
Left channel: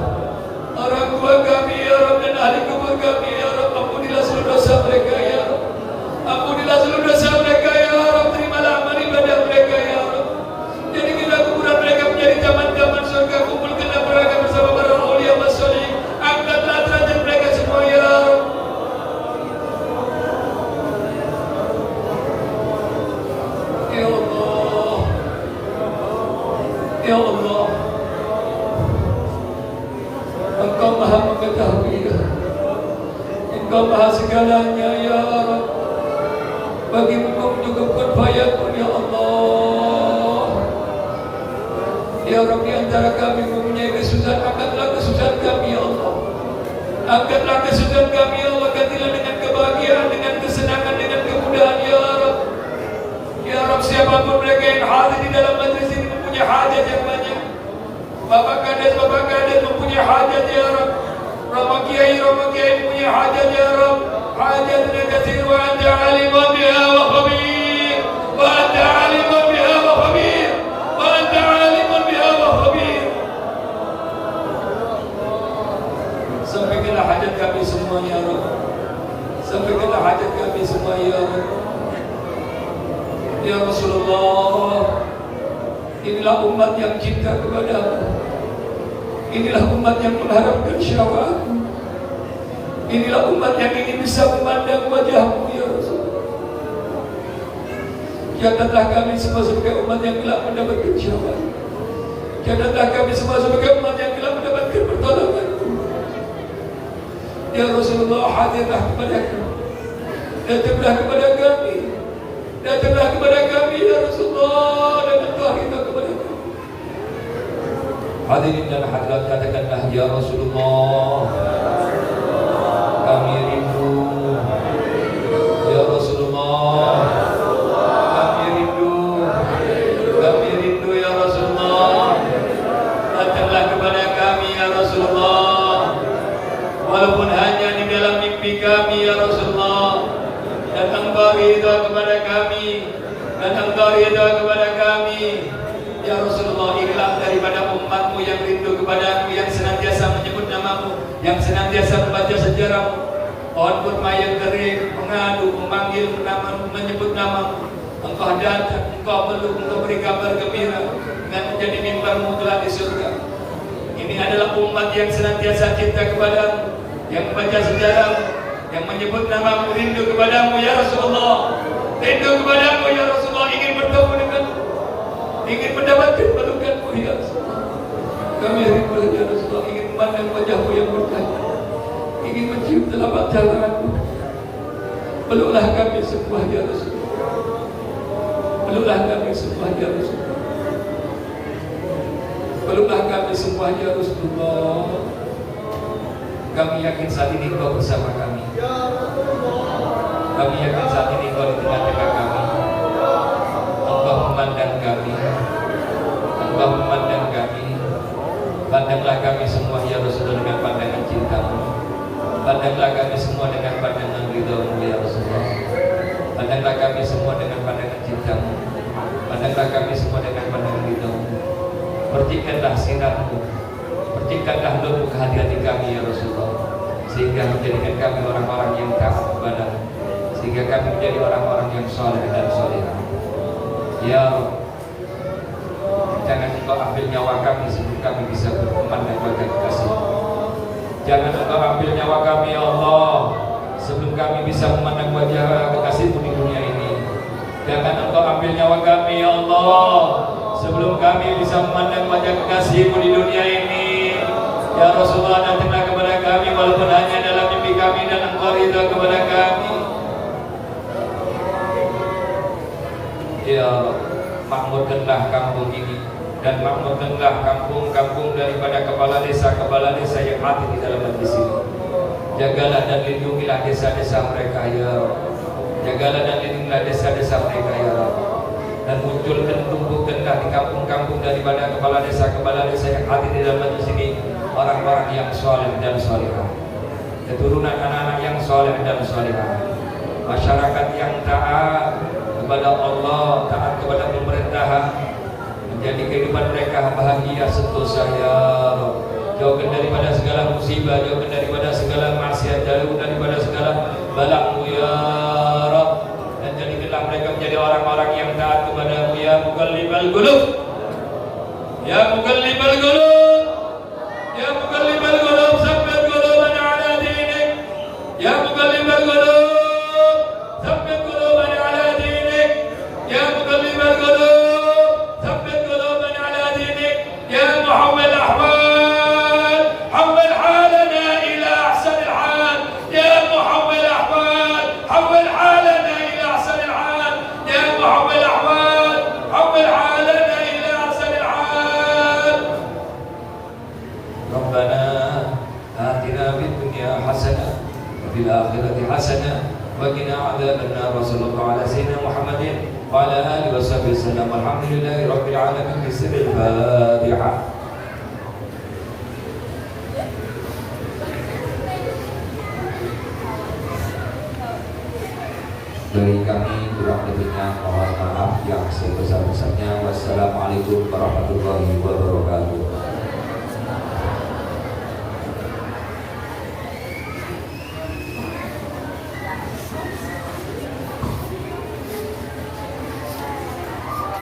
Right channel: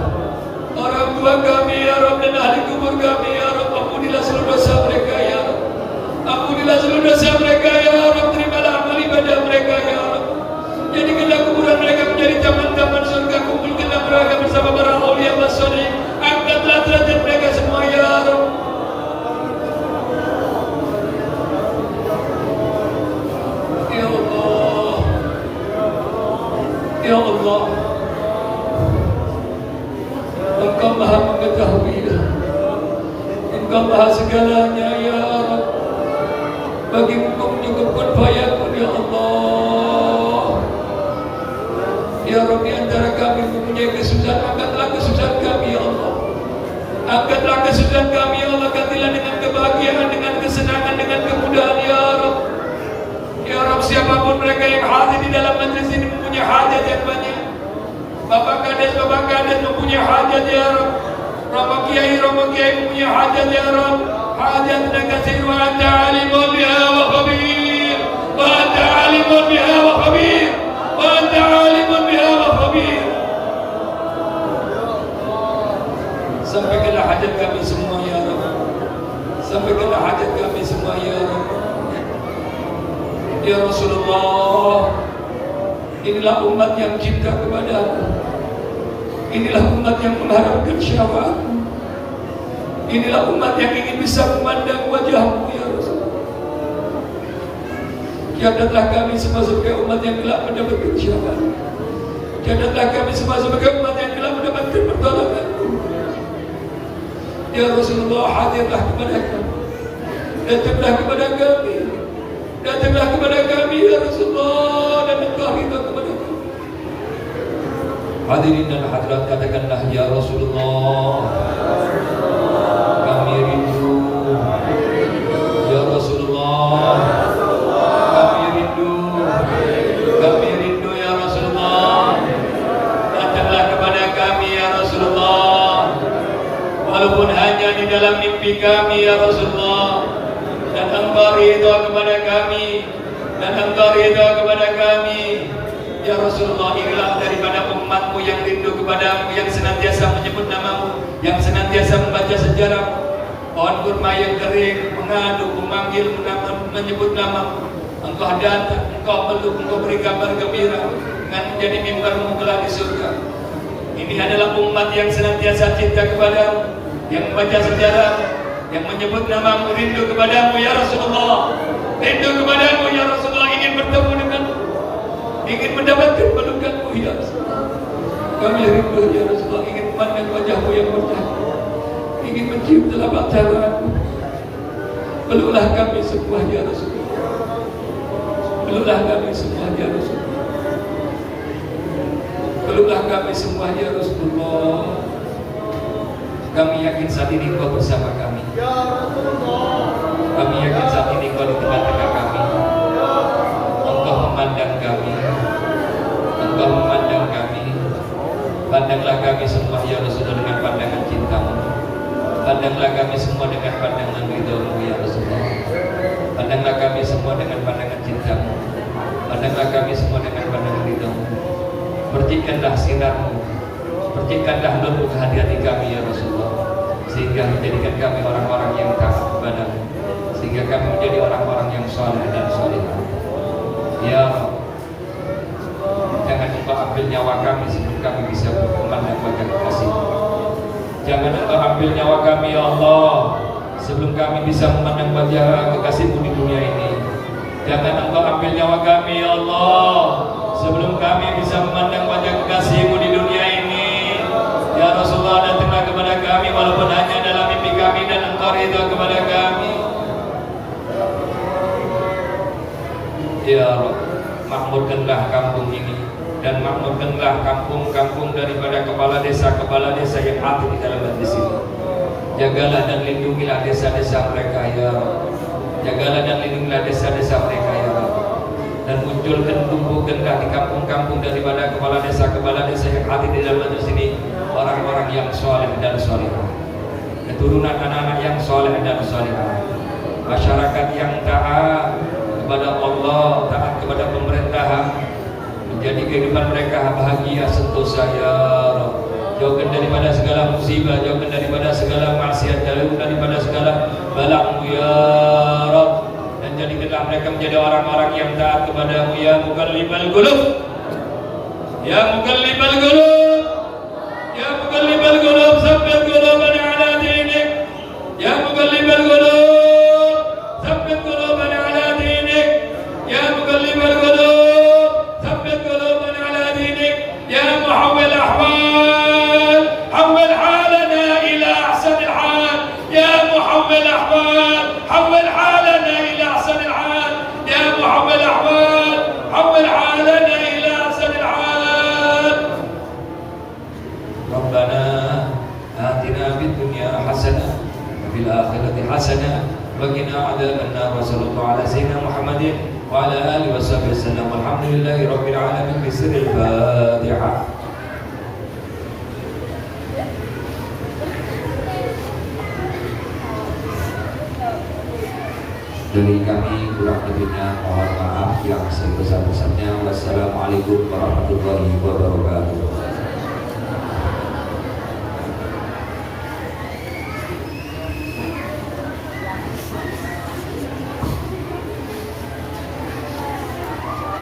orang tua kami ya Rabb dan ahli kubur kami ya Rabb, ampunilah seluruh dosa mereka ya Rabb. Ampunilah seluruh dosa mereka ya Rabb, terimalah amal ibadah mereka ya Rabb. Jadikanlah kuburan mereka menjadi taman-taman surga, kumpulkanlah mereka bersama para aulia wa sholihin. Angkatlah derajat mereka semua ya Rabb. Ya Allah, ya Allah, Engkau Maha mengetahui ya. Engkau Maha segalanya ya Rabb. Bagi Engkau menyukupkan fayakun ya Allah. Ya Rabb, di antara kami mempunyai kesusahan, angkatlah kesusahan kami ya Allah. Angkatlah kesusahan kami ya Allah. Gantilah dengan kebahagiaan, dengan kesenangan, dengan kemudahan ya Rabb. Ya Rabb, siapapun mereka yang hadir di dalam majlis ini mempunyai hajat yang banyak. Bapak Kades mempunyai hajat ya Rabb. Rama Kiai mempunyai hajat ya Rabb. Hajat dan kasih wa anta alimun biha wa khabir. Wa anta alimun biha wa khabir. Wa anta alimun biha wa khabir. Sampaikanlah hajat kami semua ya Rabb. Sampaikanlah hajat kami semua ya Rabb. Ya Rasulullah, inilah umat yang cinta kepada-Mu. Inilah umat yang mengharapkan syafaat-Mu. Inilah umat yang ingin bisa memandang wajah-Mu ya Rasulullah. Catatlah kami semua sebagai umat yang telah mendapatkan syafaat. Catatlah kami semua sebagai umat yang telah mendapatkan pertolongan-Mu. Ya Rasulullah, hadirlah kepada kami. Datanglah kepada kami. Datanglah kepada kami ya Rasulullah, dan Engkau ridha kepada kami. Hadirin dan hadirat, katakanlah ya Rasulullah, kami rindu. Ya Rasulullah, kami rindu. Kami rindu ya Rasulullah. Datanglah kepada kami ya Rasulullah, walaupun hanya di dalam mimpi kami ya Rasulullah. Dan Engkau Engkau ridha kepada kami, dan Engkau ridha kepada kami. Ya Rasulullah, inilah daripada umatmu yang rindu kepadamu, yang senantiasa menyebut namamu, yang senantiasa membaca sejarahmu. Pohon kurma yang kering mengadu, memanggil, menyebut namamu. Engkau datang, Engkau peluk, Engkau beri kabar gembira dengan menjadi mimbarmu kelak di surga. Ini adalah umat yang senantiasa cinta kepadamu, yang membaca sejarahmu, yang menyebut namamu, rindu kepadamu ya Rasulullah. Rindu kepadamu ya Rasulullah, ingin bertemu denganmu, ingin mendapatkan pelukanmu ya Rasulullah. Kami rindu ya Rasulullah, ingin memandang wajahmu yang bercahaya, ingin mencium telapak tanganmu. Peluklah kami semua ya Rasulullah. Peluklah kami semua ya Rasulullah. Peluklah kami semua ya Rasulullah. Kami yakin saat ini Engkau bersama kami. Kami yakin saat ini Engkau di tengah-tengah kami. Engkau memandang kami. Engkau memandang kami. Pandanglah kami semua ya Rasulullah dengan pandangan cintamu. Pandanglah kami semua dengan pandangan ridho-Mu ya Rasulullah. Pandanglah kami semua dengan pandangan cintamu. Pandanglah kami semua dengan pandangan ridho-Mu. Percikanlah sinar-Mu, percikanlah lubuk hati kami ya Rasulullah, sehingga menjadikan kami orang-orang yang taat kepadamu, sehingga kami menjadi orang-orang yang saleh dan salihah. Ya Rabb, jangan Engkau ambil nyawa kami sebelum kami bisa memandang wajah kekasih-Mu. Jangan Engkau ambil nyawa kami ya Allah sebelum kami bisa memandang wajah kekasih-Mu di dunia ini. Jangan Engkau ambil nyawa kami ya Allah sebelum kami bisa memandang wajah kekasih-Mu di dunia ini. Ya Rasulullah, datanglah kepada kami walaupun hanya dalam mimpi kami, dan Engkau ridha kepada kami. Ya Rabb, makmurkanlah kampung ini, dan makmurkanlah kampung-kampung daripada kepala desa yang hadir di dalam majlis ini. Jagalah dan lindungilah desa-desa mereka ya Rabb. Jagalah dan lindungilah desa-desa mereka ya Rabb. Dan munculkan, tumbuhkanlah di kampung-kampung daripada kepala desa yang hadir di dalam majlis ini orang-orang yang saleh dan salihah, keturunan anak-anak yang saleh dan salihah, masyarakat yang taat kepada Allah, taat kepada pemerintahan, menjadi kehidupan mereka bahagia sentosa ya Rabb. Jauhkan daripada segala musibah, jauhkan daripada segala maksiat, jauhkan daripada segala bala-Mu ya Rabb. Dan jadikanlah mereka menjadi orang-orang yang taat kepadamu ya Muqallibal Qulub, ya Muqallibal Qulub, ya Muqallibal Qulub, tsabbit qulubana ala dinik, ya Muqallibal Qulub, tsabbit qulubana ala dinik, ya Muqallibal Qulub, tsabbit qulubana ala dinik, ya Muhawwil ahwal, hawwil halana ila ahsanil hal, ya Muhawwil ahwal, hawwil halana ila ahsanil hal, ya Muhawwil ahwal, hawwil halana ila ahsanil hal. Rabbana atina fid dunya hasanah wa fil akhirati hasanah wa qina adzabannar. Wa sallallahu ala sayyidina Muhammadin wa ala alihi washabbihi wasallam. Alhamdulillahi rabbil alamin. Bismil Fatihah. Dari kami kurang lebihnya mohon maaf yang sebesar-besarnya. Wassalamualaikum warahmatullahi wabarakatuh.